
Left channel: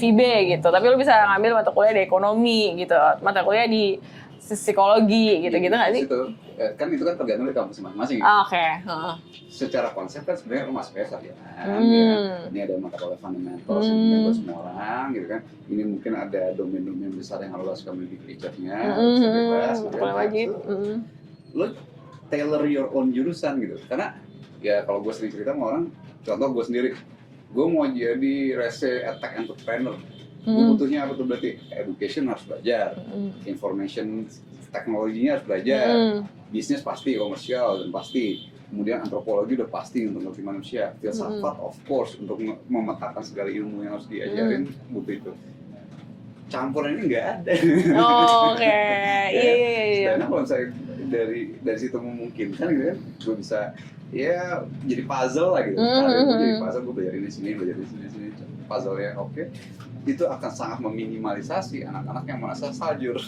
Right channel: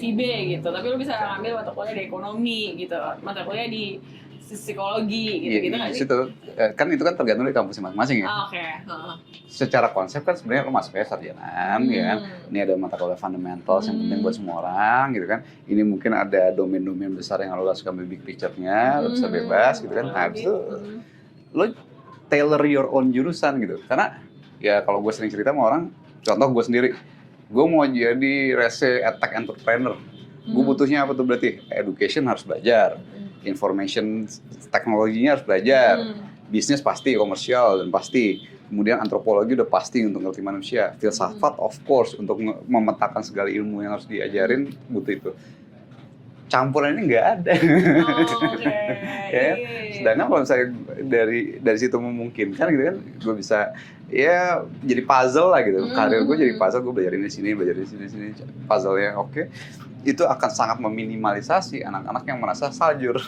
FIB gitu, tapi lu bisa ngambil mata kuliah di ekonomi gitu, mata kuliah di psikologi gitu-gitu nggak sih? Kan itu kan tergantung dari kampus masing-masing ya. Oke. Secara konsep kan sebenarnya lo masuknya sarjana, ya kan. Ini ada mata kuliah fundamentals yang penting buat semua orang gitu kan. Ini mungkin ada domain-domain besar yang lo suka ambil big picture-nya, lo bisa bebas gitu kan. Nah, itu lo tailor your own jurusan gitu. Karena ya kalau gue sering cerita sama orang, contoh gue sendiri, gue mau jadi tech entrepreneur. Gue butuhnya apa tuh berarti? Education harus belajar, information teknologinya harus belajar, bisnis pasti, komersial dan pasti, kemudian antropologi udah pasti untuk ngerti manusia, filsafat of course untuk memetakan segala ilmu yang harus diajarin butuh itu. Campuran ini nggak ada. Oke. Sedangkan kalau saya dari situ memungkinkan gitu kan, gue bisa ya jadi puzzle lah gitu. Karir gue jadi puzzle, gue belajar di sini, puzzle-nya oke. Itu akan sangat meminimalisasi anak-anak yang merasa saljur.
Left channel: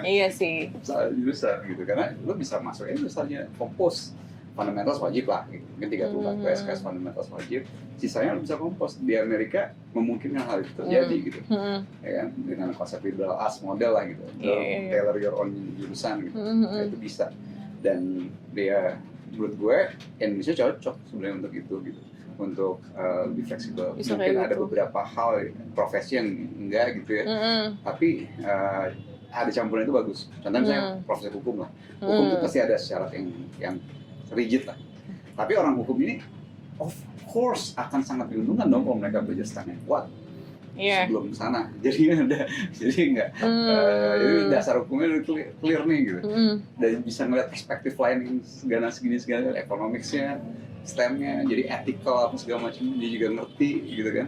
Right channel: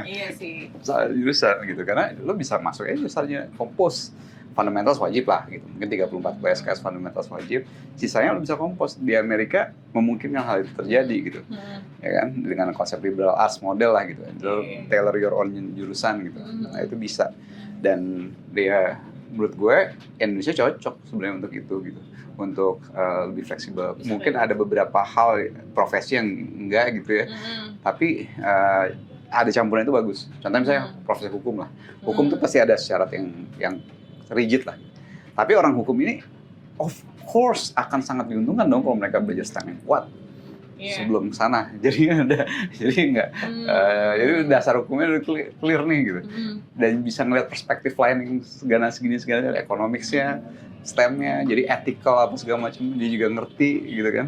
Iya sih. Salah jurusan gitu, karena lu bisa masuk aja misalnya kompos. Fundamentals wajib lah gitu. Mungkin 34 PSKS fundamentals wajib. Sisanya lu bisa kompos. Di Amerika memungkinkan hal itu terjadi gitu. Ya kan? Dengan konsep liberal arts model lah gitu. Tailor your own jurusan gitu. Nah, itu bisa. Dan dia menurut gue Indonesia cocok sebenarnya untuk itu gitu. Untuk lebih fleksibel. Mungkin ada beberapa hal profesi yang enggak gitu ya. Tapi ada campuran itu bagus. Contohnya misalnya profesi hukum lah. Hukum itu pasti ada syarat yang rigid lah. Tapi orang hukum ini of course akan sangat diuntungkan dong kalau mereka belajar STEM-nya kuat. Sebelum sana. Jadi enggak jadi dasar hukumnya udah clear nih gitu. Dan bisa ngeliat perspektif lain yang segala economics-nya, STEM-nya, jadi ethical apa segala macam dia juga ngerti gitu kan.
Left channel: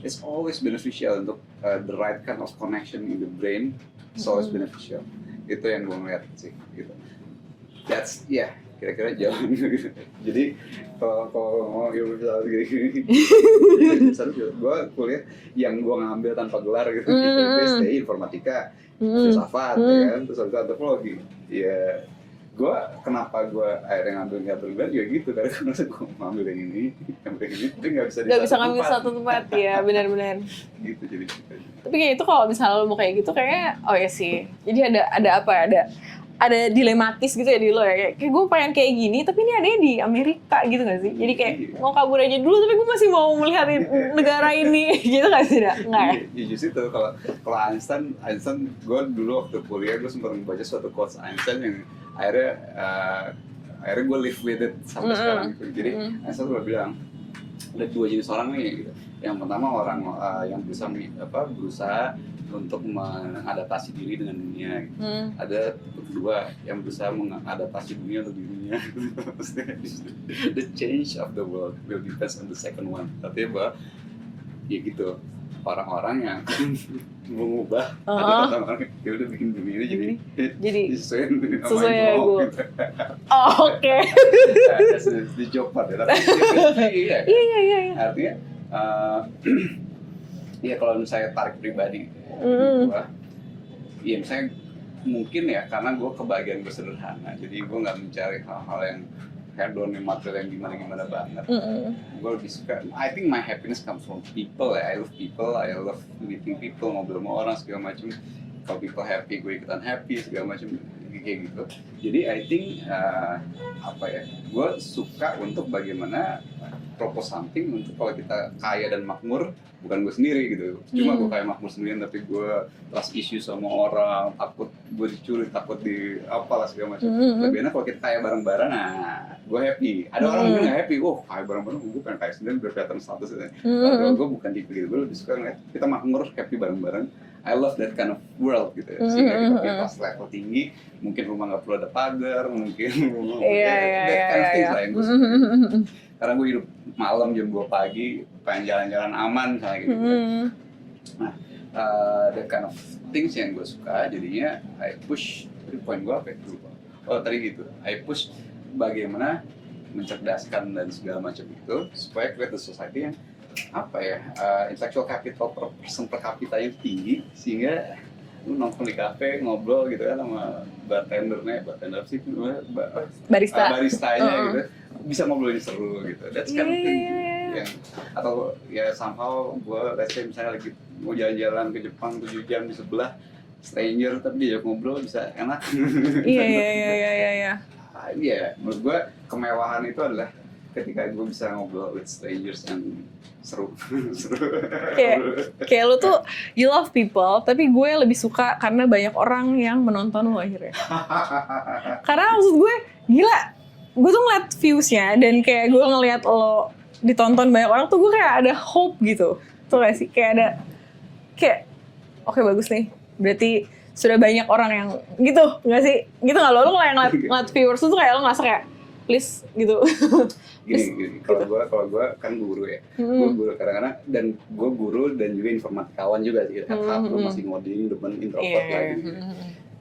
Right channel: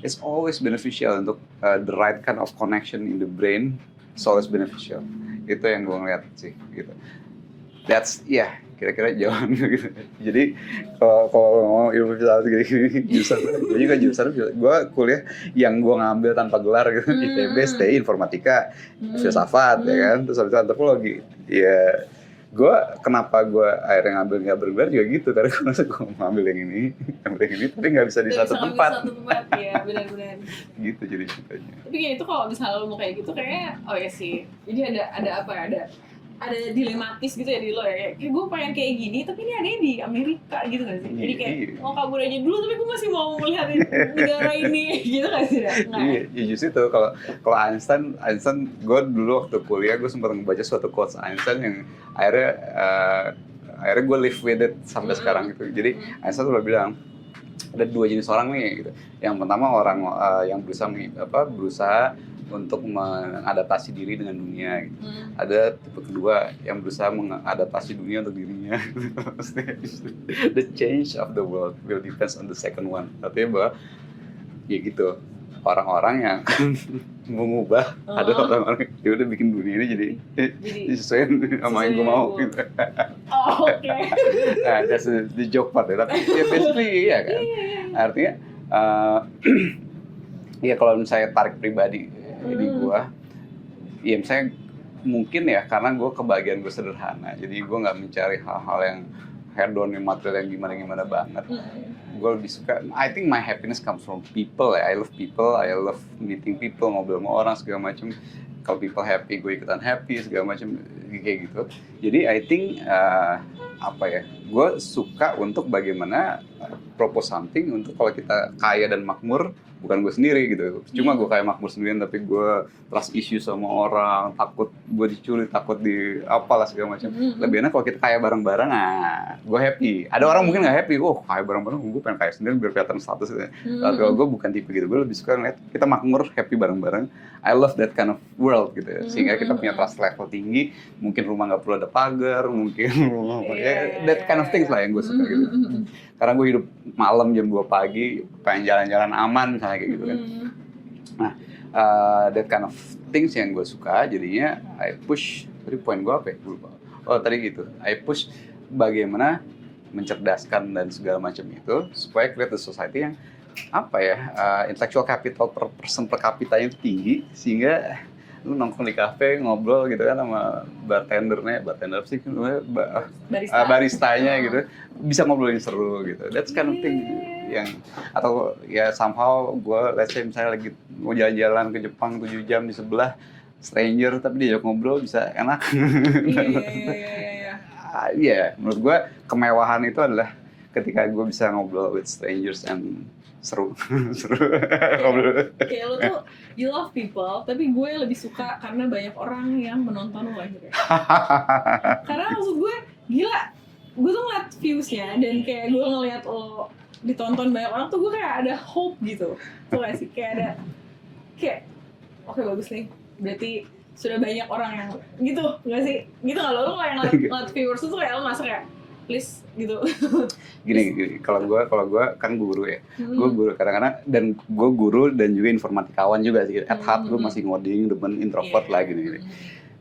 It's always beneficial untuk the right kind of connection in the brain. It's always beneficial. Itu yang gue ngeliat sih gitu. That's kira-kira jawaban gitu. Jadi kalau ngomong ilmu filsafat gini juga jurusan gue kuliah yang gue ngambil tanpa gelar gitu. ITB, STI, informatika, filsafat ya kan, terus habis itu antropologi. Ya kenapa gue akhirnya ngambil nggak bergelar juga gitu, karena gue merasa gue mau ambil yang ini, tapi nggak bisa di satu tempat. Ya benar-benar. Gitu jadi ceritanya. Tapi kayak itu kalau misalnya lo mau kayak gitu kayaknya, oh ya sih. Jadi ada dilematis gitu ya di lo ya, kayak gue pengen kayak gini tapi ini adanya di Amerika gitu nggak sih? Jadi kayak mau kabur aja dulu tapi gue masih mau melihat negara ini gitu nggak sih? Iya, justru itu kalau Einstein gue dulu waktu kuliah gue sempat membaca suatu quotes Einstein yang akhirnya gue live with it sampai sekarang gitu. Jadi Einstein udah bilang ada dua jenis orang nih gitu. Yang pertama orang yang berusaha untuk mengadaptasi diri dengan dunia gitu. Ada tipe kedua yang berusaha mengadaptasi dunia untuk dirinya. The change of the world will depends on the second one. Artinya bahwa ya gitu, orang-orang yang mengubah ada orang-orang yang udah bikin dunia ini jadi sesuai sama yang gue mau gitu. Oke. Nah, that's the joke part ya. Tapi iya kan. Iya. Artinya ya kalau saya tarik pribadi ini gue, ya misalnya mungkin ya karena gue kebahagiaan gue sederhana, jadi gue nggak mencari hal-hal yang hedon, yang material yang gimana banget. Gue lebih suka, I think my happiness comes from people ya. I love meeting people, ngobrol sama orang segala macam. Kalau people happy, gue ikutan happy segala macam. kayak gitu. Jadi I think apa ya, gue suka untuk bagaimana propose something untuk kalau kita kaya dan makmur, bukan gue sendiri gitu. Cuma gue kayak makmur sendirian, tapi gue trust issue sama orang, takut gue dicuri, takut di apalah segala macam. Lebih enak kalau kita kaya bareng-bareng, nah gue happy. Ada orang mungkin nggak happy, kaya bareng-bareng, gue pengen kaya sendiri biar kelihatan status gitu. Kalau gue bukan tipe gitu, gue lebih suka ngeliat kita makmur, happy bareng-bareng. I love that kind of world gitu ya. Sehingga kita punya trust level tinggi, mungkin rumah nggak perlu ada pagar, mungkin that kind of things lah yang gue suka gitu. Karena gue hidup malam jam 2 pagi, pengen jalan-jalan aman misalnya kayak gitu kan. Nah, that kind of things yang gue suka, jadinya I push, tadi poin gue apa ya? Lupa. Oh tadi gitu, I push bagaimana mencerdaskan dan segala macam itu, supaya create a society yang apa ya, intellectual capital per person per kapitanya tinggi, sehingga lu nongkrong di kafe ngobrol gitu kan sama bartender sih baristanya gitu, bisa ngobrolin seru gitu. That's kind of thing yang, atau ya somehow gue let's say misalnya lagi mau jalan-jalan ke Jepang 7 jam di sebelah stranger tapi diajak ngobrol bisa enak. Iya, menurut gue kemewahan itu adalah ketika gue bisa ngobrol with strangers and seru. Kayak lu tuh you love people, tapi gue lebih suka karena banyak orang yang menonton lu akhirnya. Karena maksud gue gila, gue tuh ngeliat viewsnya dan kayak gue ngeliat lo ditonton banyak orang tuh gue kayak ada hope gitu. Tuh gak sih? Kayak oke, bagus nih. Berarti sudah banyak orang yang gitu, nggak sih? Gitu nggak lo? Lo ngeliat viewers tuh kayak lo ngerasa kayak please gitu. Gini, kalau gue kan guru ya, gue guru kadang-kadang, dan gue guru dan juga informatikawan juga sih. At heart gue masih ngoding, demen introvert lah gitu.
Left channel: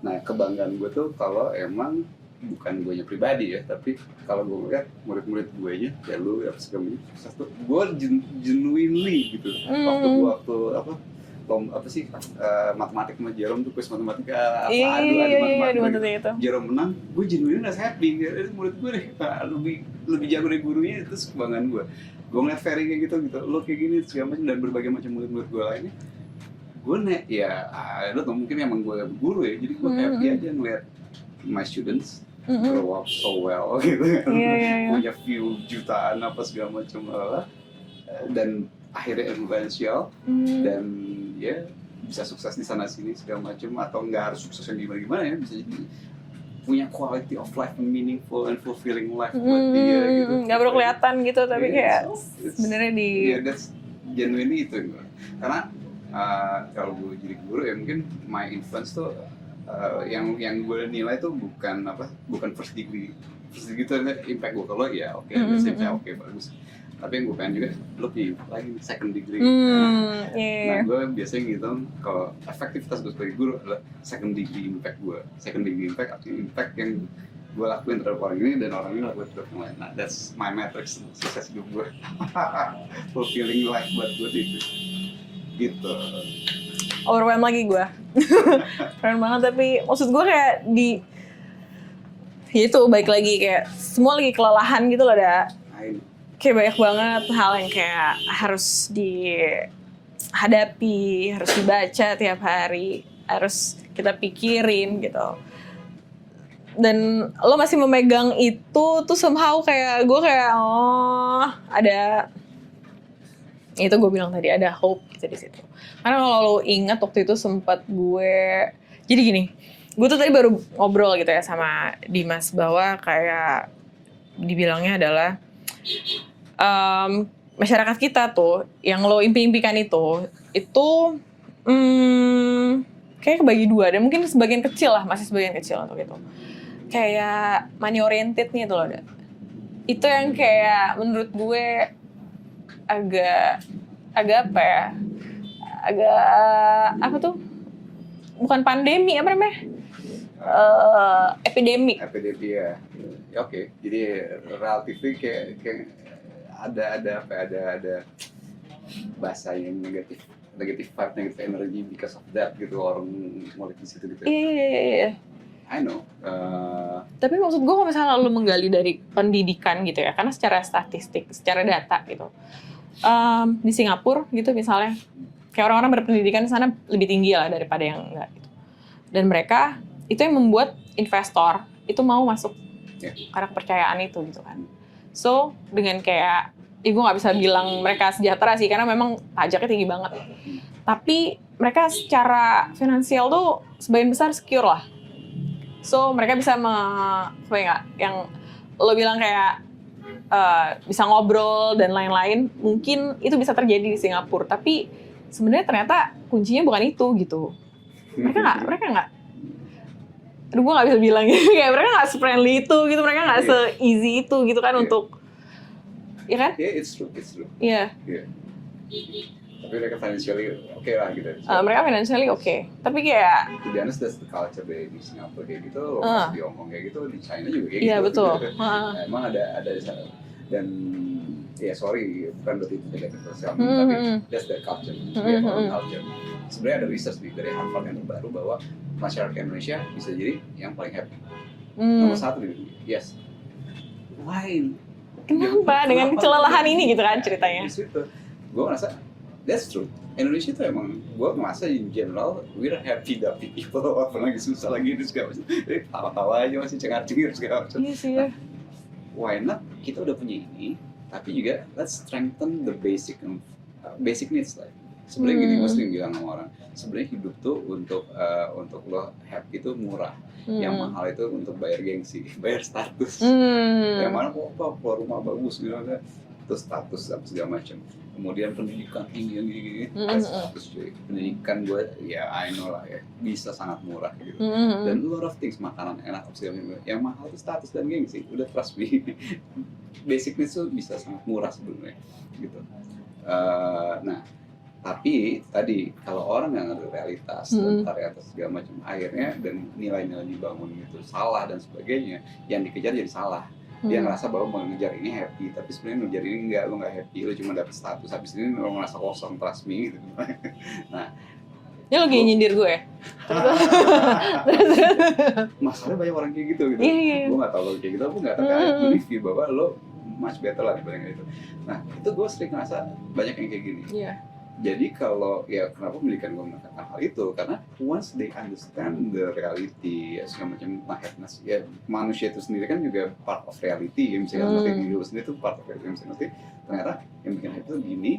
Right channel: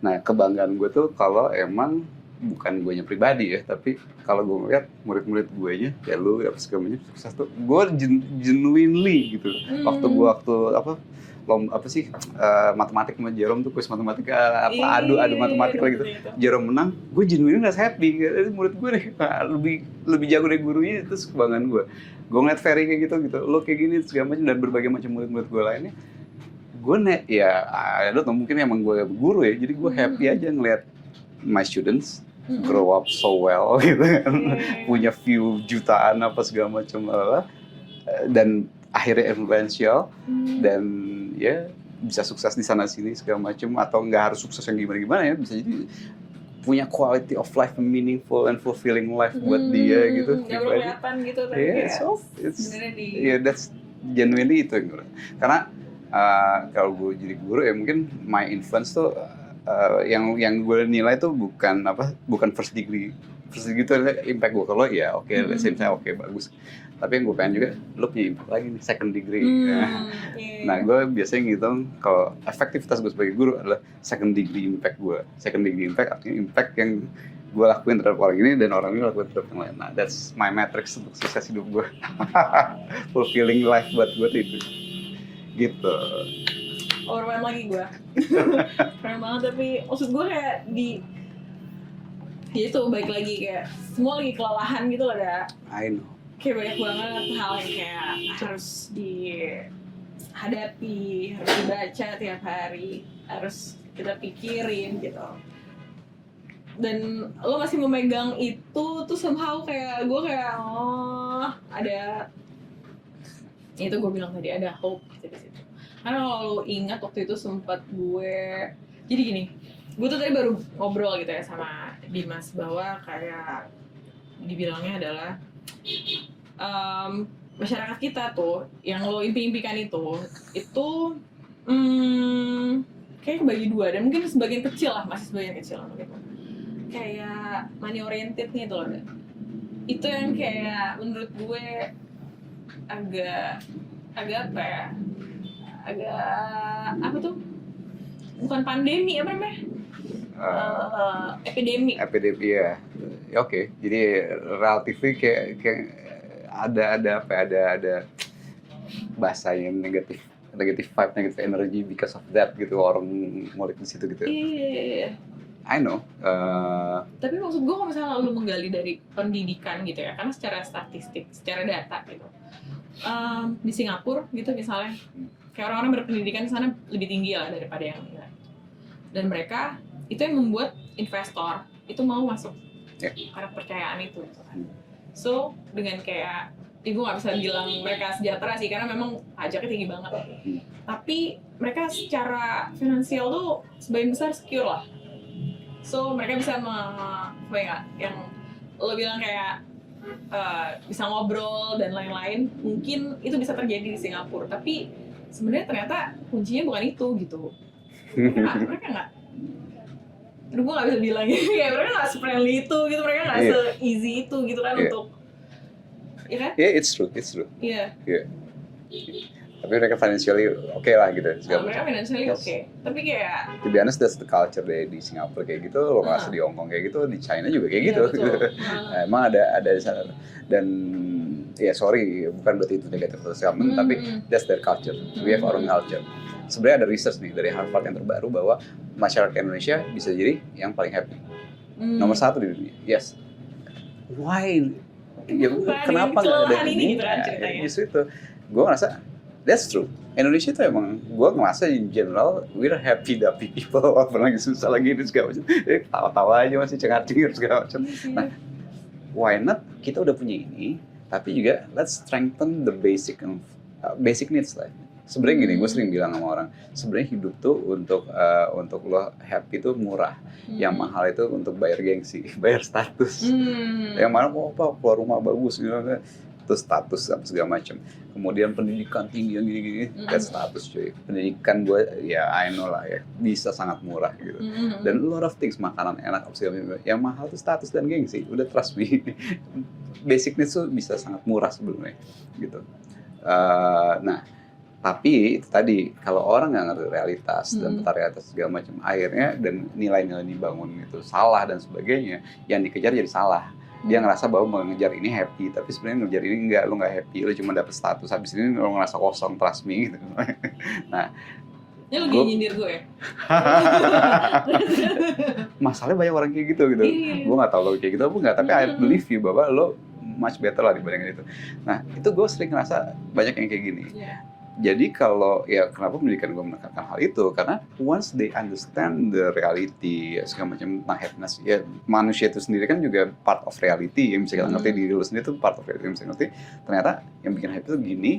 Nah kebanggaan gue tuh kalau emang bukan gue nya pribadi ya, tapi kalau gue ngeliat murid-murid gue nya, ya lu apa segalanya sukses tuh, gue genuinely gitu. Matematik sama Jerome tuh kuis matematika adu matematika gitu. Jerome menang, gue genuinely nggak happy. Murid gue nih lebih jago dari gurunya, itu kebanggaan gue. Gue ngeliat Ferry kayak gitu, lo kayak gini segala macam, dan berbagai macam murid-murid gue lainnya. Gue I don't know, mungkin emang gue guru ya, jadi gue happy aja ngeliat my students grow up so well gitu kan. Punya view jutaan apa segala macam dan akhirnya influential dan ya bisa sukses di sana sini segala macam, atau nggak harus sukses yang gimana ya, bisa jadi punya quality of life, meaningful and fulfilling life buat dia gitu. Nggak perlu kelihatan gitu, tapi kayak sebenarnya di that's genuinely itu gitu. Karena kalau gue jadi guru ya mungkin my influence tuh yang gue nilai tuh bukan first degree itu impact gue ke lo ya oke, let's say oke bagus, tapi yang gue pengen juga lo punya impact lagi nih second degree. Nah gue biasanya ngitung kalau efektivitas gue sebagai guru adalah second degree impact gue. Second degree impact artinya impact yang gue lakuin terhadap orang ini dan orang ini lakuin terhadap yang lain. Nah that's my matrix untuk sukses hidup gue. Fulfilling life buat gue itu gitu. Overwhelm lagi gue. Keren banget, tapi maksud gue kayak itu baik lagi kayak semua lagi kelelahan gitu loh, kayak banyak banget hal yang kayak harus dihadapi, harus dibaca tiap hari, harus kita pikirin gitu. Dan lo masih memegang itu tuh somehow kayak gue kayak ada, itu gue bilang tadi ada hope gitu di situ. Karena kalau lo ingat waktu itu sempat jadi gini, gue tuh tadi baru ngobrol gitu ya sama Dimas bahwa kayak dibilangnya adalah masyarakat kita tuh yang lo impi-impikan itu kayak kebagi dua, dan mungkin sebagian kecil lah, masih sebagian kecil atau gitu. Kayak money oriented nih tuh loh, itu yang kayak menurut gue agak apa ya, apa tuh, bukan pandemi, apa namanya, epidemi ya. Oke. Jadi relatif kayak ada bahasa yang negatif vibe, negatif energy because of that gitu, orang ngulik di situ gitu. Iya. I know. Tapi maksud gue kalau misalnya lo menggali dari pendidikan gitu ya, karena secara statistik, secara data gitu, di Singapura gitu misalnya, kayak orang-orang berpendidikan di sana lebih tinggi lah daripada yang enggak gitu. Dan mereka itu yang membuat investor itu mau masuk Yeah. karena kepercayaan itu gitu kan. So dengan kayak gue nggak bisa bilang mereka sejahtera sih karena memang pajaknya tinggi banget. Tapi mereka secara finansial tuh sebagian besar secure lah. So mereka bisa yang lo bilang kayak bisa ngobrol dan lain-lain. Mungkin itu bisa terjadi di Singapura. Tapi sebenarnya ternyata kuncinya bukan itu gitu. Mereka nggak. Aduh, gue nggak bisa bilang gitu. Kayak mereka nggak se-friendly itu gitu. Mereka nggak se-easy itu gitu kan untuk, ya kan? Yeah, it's true. Iya. Yeah. Tapi mereka financially oke lah gitu. Mereka financially oke. Tapi kayak To be honest, that's the culture di Singapura kayak gitu, lo masih di Hong Kong kayak gitu, di China juga kayak gitu. Iya betul. Nah, emang ada di sana. Dan ya sorry, bukan berarti itu negatif sekali, tapi that's their culture. We have our own culture. Sebenarnya ada research nih dari Harvard yang terbaru bahwa masyarakat Indonesia bisa jadi yang paling happy. Nomor 1 di dunia. Yes. Why? Kenapa? Dengan kelelahan ini gitu kan ceritanya. Justru itu. Gue ngerasa that's true. Indonesia itu emang, gue ngerasa in general, we're happy-dappy people. Walaupun lagi susah lagi, itu segala macam. Tawa-tawa aja masih cengar-cengir segala macam. Nah, why not? Kita udah punya ini, tapi juga let's strengthen the basic needs lah. Sebenarnya gini, gue sering bilang sama orang, sebenarnya hidup tuh untuk lo happy tuh murah. Yang mahal itu untuk bayar gengsi, bayar status. Yang mana keluar rumah bagus gitu kan. Terus status apa segala macam. Kemudian pendidikan tinggi yang gini-gini, kan status cuy. Pendidikan gue ya I know lah ya, bisa sangat murah gitu. Dan a lot of things, makanan enak apa segala macam. Yang mahal tuh status dan gengsi, udah trust me. Basic needs tuh bisa sangat murah sebenarnya gitu. Nah, tapi itu tadi kalau orang nggak ngerti realitas dan realitas segala macam, akhirnya dan nilai-nilai dibangun itu salah dan sebagainya, yang dikejar jadi salah. Dia ngerasa bahwa mengejar ini happy, tapi sebenarnya ngejar ini enggak, lo nggak happy, lo cuma dapet status, habis ini lo ngerasa kosong, trust me gitu. Nah, ini lo kayak nyindir gue ya? Masalahnya banyak orang kayak gitu. Gue nggak tahu lo kayak gitu apa nggak, tapi I believe you bahwa lo much better lah dibanding itu. Nah, itu gue sering ngerasa banyak yang kayak gini. Jadi kalau ya kenapa pendidikan gue menekankan hal itu, karena once they understand the reality segala macam tentang happiness, ya manusia itu sendiri kan juga part of reality, yang bisa kita ngerti diri lo sendiri itu part of reality, yang bisa ngerti ternyata yang bikin happy itu gini,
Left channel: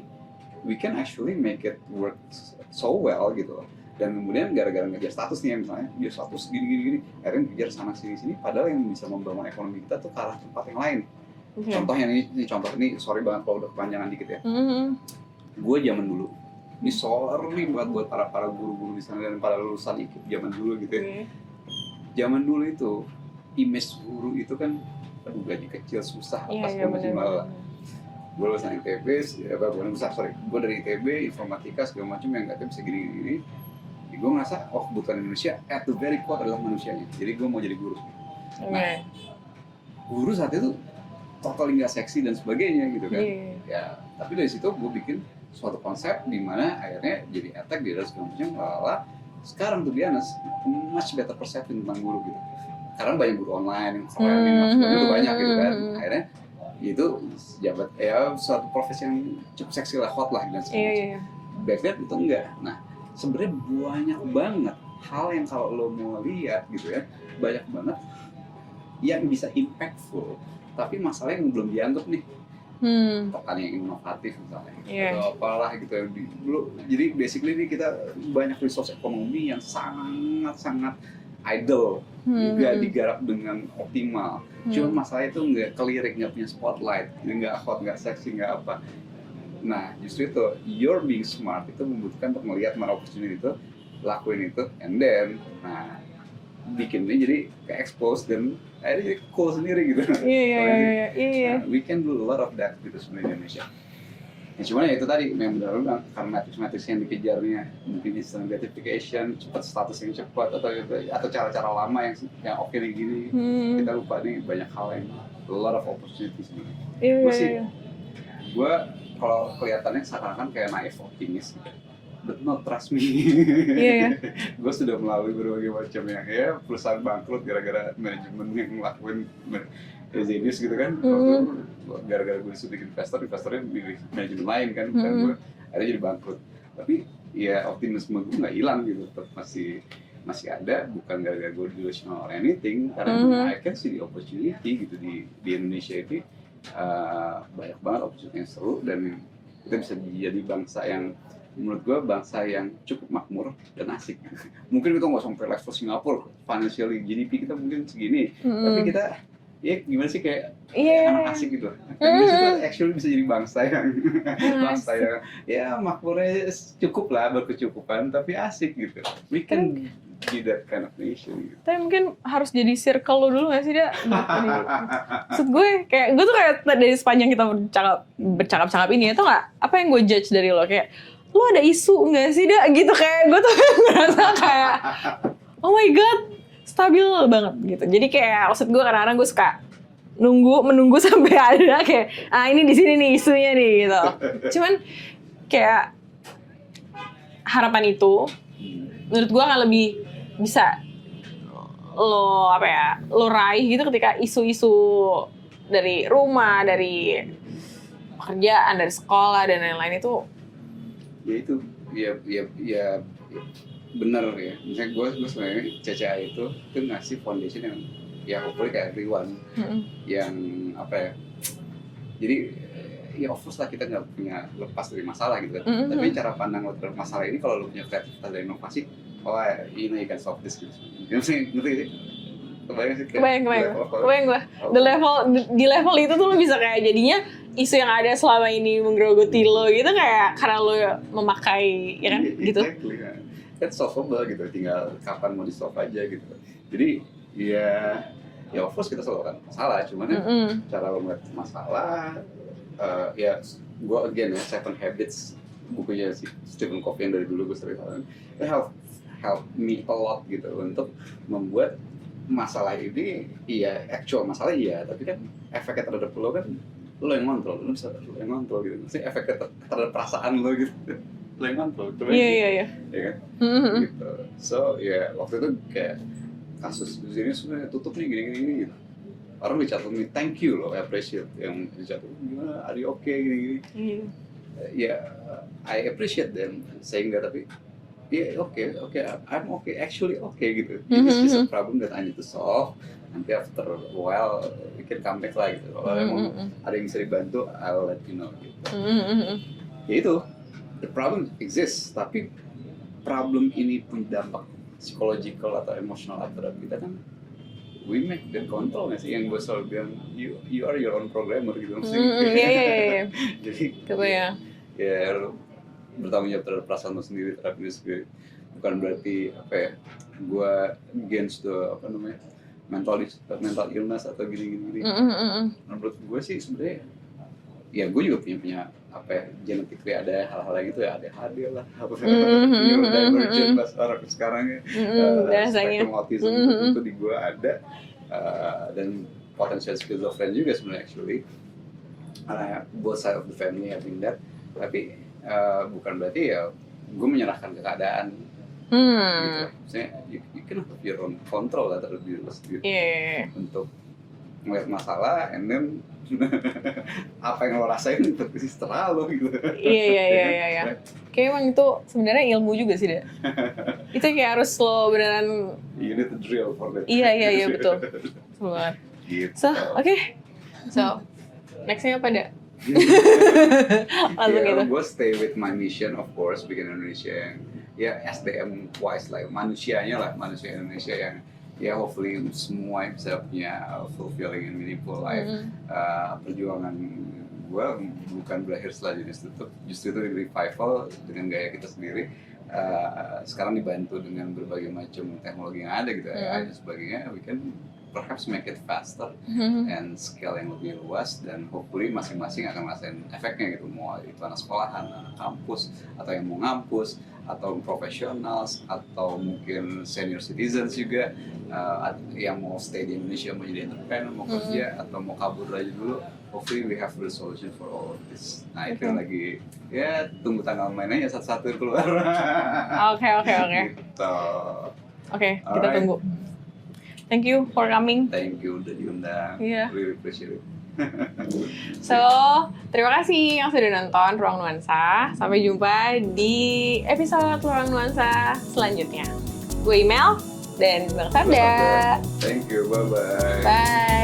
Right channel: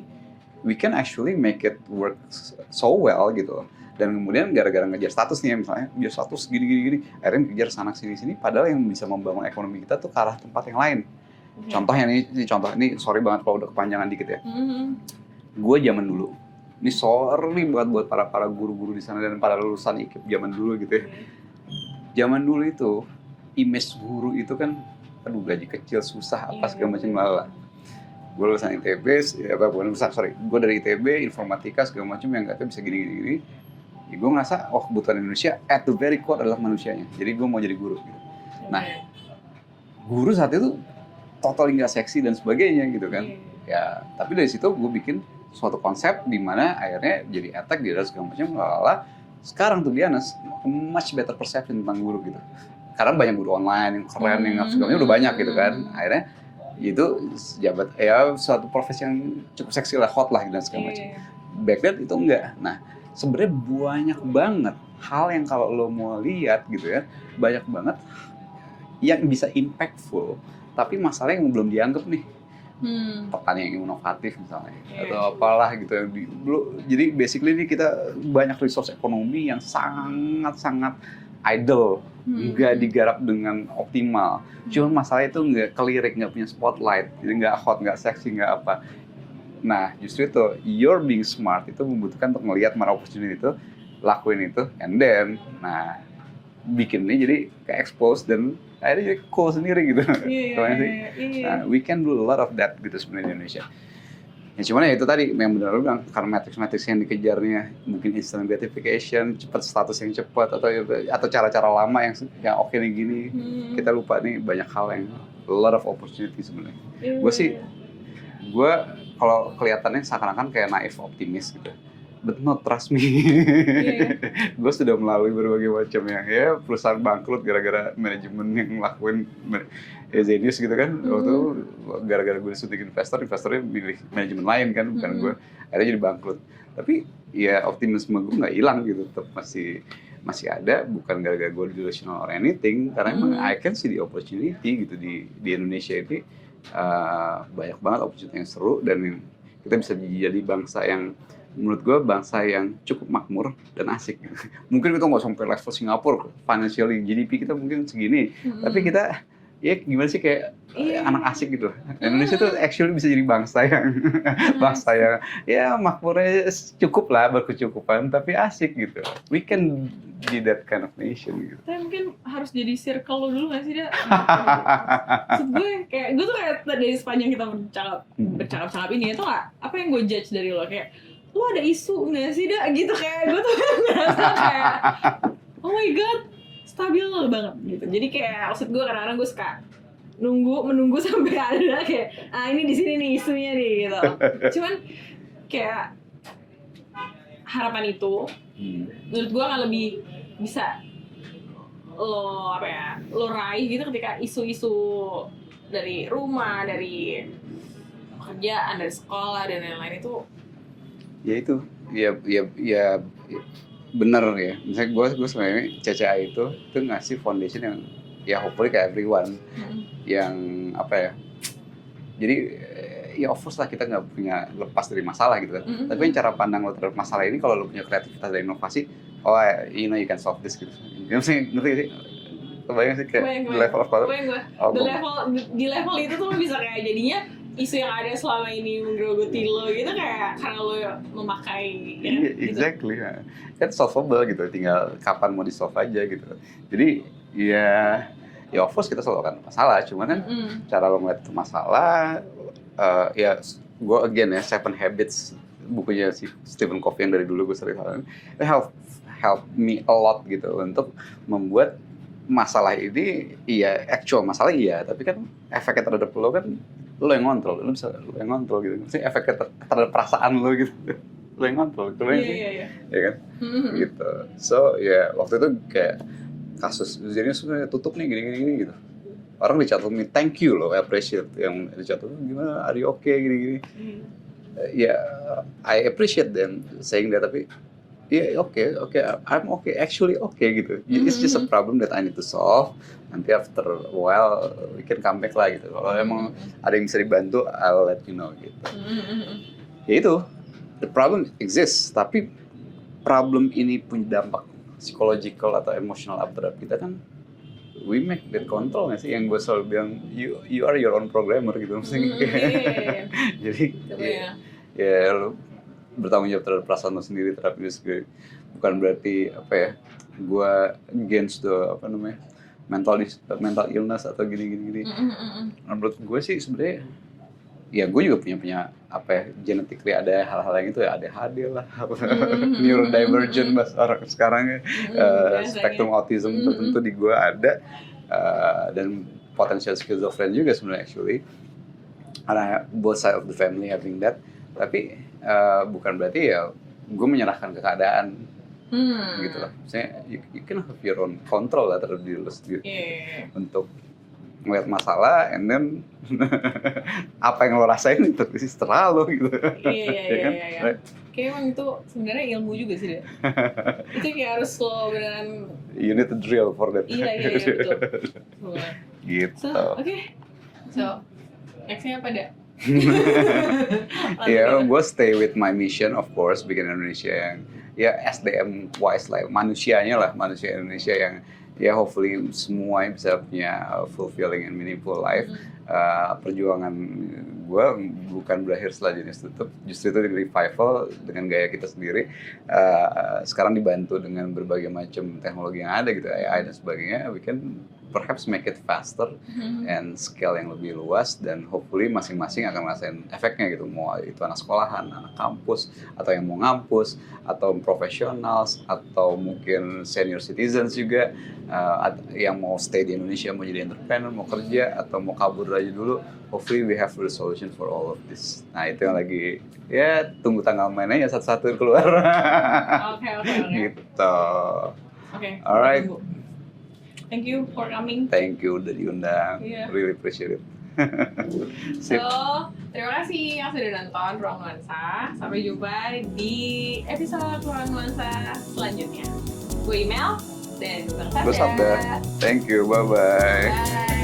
we can actually make it work so well gitu. Dan kemudian gara-gara ngejar status nih, misalnya ngejar status gini, akhirnya ngejar sana sini, padahal yang bisa membangun ekonomi kita tuh ke arah tempat yang lain. Contohnya contoh ini sorry banget kalau udah kepanjangan dikit ya. Gue zaman dulu, ini sorry buat para guru-guru di sana dan para lulusan IKIP zaman dulu gitu ya. Zaman dulu itu image guru itu kan, aduh gaji kecil, susah apa segala macam lah. Gue lulusan ITB, gue dari ITB, informatika segala macam yang katanya bisa gini. Gue ngerasa, kebutuhan Indonesia at the very core adalah manusianya. Jadi gue mau jadi guru. Gitu. Nah, guru saat itu totally nggak seksi dan sebagainya gitu kan. Ya, tapi dari situ gue bikin suatu konsep di mana akhirnya jadi attack di dalam segala macam. Sekarang tuh dia much better perception tentang guru gitu. Karena banyak guru online yang keren, yang sebagainya udah banyak gitu kan. Akhirnya itu jabat ya suatu profesi yang cukup seksi lah, hot lah dan segala macam. Back then itu enggak. Nah, sebenarnya banyak banget hal yang kalau lo mau lihat gitu ya, banyak banget yang bisa impactful, tapi masalahnya yang belum dianggap nih. Pertanian yang inovatif misalnya, atau apalah gitu. Jadi basically nih kita banyak resource ekonomi yang sangat idle, nggak digarap dengan optimal. Cuma masalah itu nggak kelirik, nggak punya spotlight, jadi nggak hot, nggak seksi, nggak apa. Nah justru itu, you're being smart itu membutuhkan untuk melihat mana opportunity itu, lakuin itu, and then, bikin ini jadi ke-expose dan akhirnya jadi cool sendiri gitu. Nah, we can do a lot of that gitu sebenarnya di Indonesia. Ya cuman ya itu tadi yang benar bilang, karena matrix yang dikejarnya mungkin instant gratification, cepat status yang cepat, atau cara-cara lama yang oke nih gini, kita lupa nih banyak hal yang a lot of opportunity sebenarnya. Gue kalau kelihatannya seakan-akan kayak naif optimis gitu. But not trust me. Gue sudah melalui berbagai macam ya perusahaan bangkrut gara-gara manajemen yang ngelakuin Zenius gitu kan. Waktu itu gara-gara gue disuntik investornya pilih manajemen lain kan, bukan gue. Akhirnya jadi bangkrut. Tapi ya optimisme gue nggak hilang gitu, tetap masih masih ada, bukan gara-gara gue delusional or anything, karena emang I can see the opportunity gitu di Indonesia ini. Banyak banget opportunity yang seru, dan kita bisa jadi bangsa yang menurut gue bangsa yang cukup makmur dan asik. Mungkin kita nggak sampai level Singapura financially, GDP kita mungkin segini, tapi kita ya gimana sih kayak anak asik gitu. Indonesia tuh actually bisa jadi bangsa yang bangsa yang ya makmurnya cukup lah, berkecukupan tapi asik gitu. We can be that kind of nation gitu. Tapi mungkin harus jadi circle lo dulu gak sih, Da? Maksud gue, gue tuh kayak dari sepanjang kita bercakap-cakap ini, itu gak, apa yang gue judge dari lo, kayak, lo ada isu gak sih, Da? Gitu, kayak gue tuh ngerasa kayak, oh my god, stabil banget gitu. Jadi kayak, maksud gue kadang-kadang gue suka menunggu sampai ada kayak, ini di sini nih isunya nih, gitu. Cuman, kayak, harapan itu, menurut gue akan lebih bisa lo raih gitu ketika isu-isu dari rumah, dari pekerjaan, dari sekolah dan lain-lain itu. Ya bener ya. Misalnya gue sebenarnya CCA itu ngasih foundation yang ya hopefully kayak everyone yang jadi ya of course lah kita nggak punya lepas dari masalah gitu kan. Tapi cara pandang lo terhadap masalah ini, kalau lo punya kreativitas dan inovasi, you can solve this gitu. Ngerti sih? Kebayang sih kayak kebayang gue. Di level itu tuh lo bisa kayak jadinya isu yang ada selama ini menggerogoti lo gitu kayak karena lo memakai ya kan gitu. Exactly. Kan solvable gitu, tinggal kapan mau di solve aja gitu. Jadi ya of course kita selalu akan masalah, cuman kan cara lo ngeliat masalah ya gue again ya 7 Habits, bukunya si Stephen Covey yang dari dulu gue sering help me a lot gitu untuk membuat masalah ini actual masalah tapi kan efeknya terhadap lo kan lo yang ngontrol, lo yang ngontrol gitu. Maksudnya efeknya terhadap perasaan lo gitu, lo yang ngontrol. Iya kan gitu. So waktu itu kayak kasus jadi sebenarnya tutup nih gini gitu. Orang dicatumin thank you loh, appreciate yang dicatumin gimana, are you okay gini. I appreciate them saying that, tapi okay, I'm okay, actually okay gitu. It's just a problem that I need to solve. Nanti after a while we can come back lah gitu. Kalau emang ada yang bisa dibantu, I'll let you know gitu. Ya itu, the problem exists, tapi problem ini punya dampak psychological atau emotional terhadap kita kan we make that control nggak sih, yang gue selalu bilang you are your own programmer gitu. Jadi ya lu bertanggung jawab terhadap perasaan lo sendiri, terhadap diri sendiri. Bukan berarti gue against the mental illness atau gini. Menurut gue sih sebenarnya ya gue juga punya genetically ada hal-hal yang itu ya, ADHD lah, neurodivergent bahasa orang sekarang spektrum autism tentu di gue ada, dan potential schizophrenia juga sebenarnya actually, karena both side of the family having that. Tapi bukan berarti ya gue menyerahkan ke keadaan gitu loh. Maksudnya you can have your own control lah terhadap diri lo sendiri untuk ngeliat masalah, and then apa yang lo rasain itu terserah lo gitu. Iya. Kayak emang itu sebenarnya ilmu juga sih, deh. Itu kayak harus lo beneran. You need to drill for that. Iya betul. Gitu. So nextnya apa deh? Gue stay with my mission of course, bikin Indonesia yang SDM wise lah, manusia Indonesia yang hopefully semua bisa punya fulfilling and meaningful life. Perjuangan gue bukan berakhir setelah jenis tutup, justru itu di revival dengan gaya kita sendiri. Sekarang dibantu dengan berbagai macam teknologi yang ada gitu, AI dan sebagainya, we can perhaps make it faster and scale yang lebih luas, dan hopefully masing-masing akan ngerasain efeknya gitu, mau itu anak sekolahan, anak kampus, atau yang mau ngampus, atau professionals, atau mungkin senior citizens juga, yang mau stay di Indonesia, mau jadi entrepreneur, mau kerja, atau mau kabur aja dulu. Hopefully we have the solution for all of this. Nah itu yang lagi tunggu tanggal mainnya satu-satu keluar. Oke. Gitu. Oke, kita tunggu. Thank you for coming. Thank you udah diundang. Really appreciate it. So, terima kasih yang sudah nonton Ruang Nuansa. Sampai jumpa di episode Ruang Nuansa selanjutnya. Gue Email dan Bang Gue Sarda. Sabda. Thank you, bye-bye. Bye.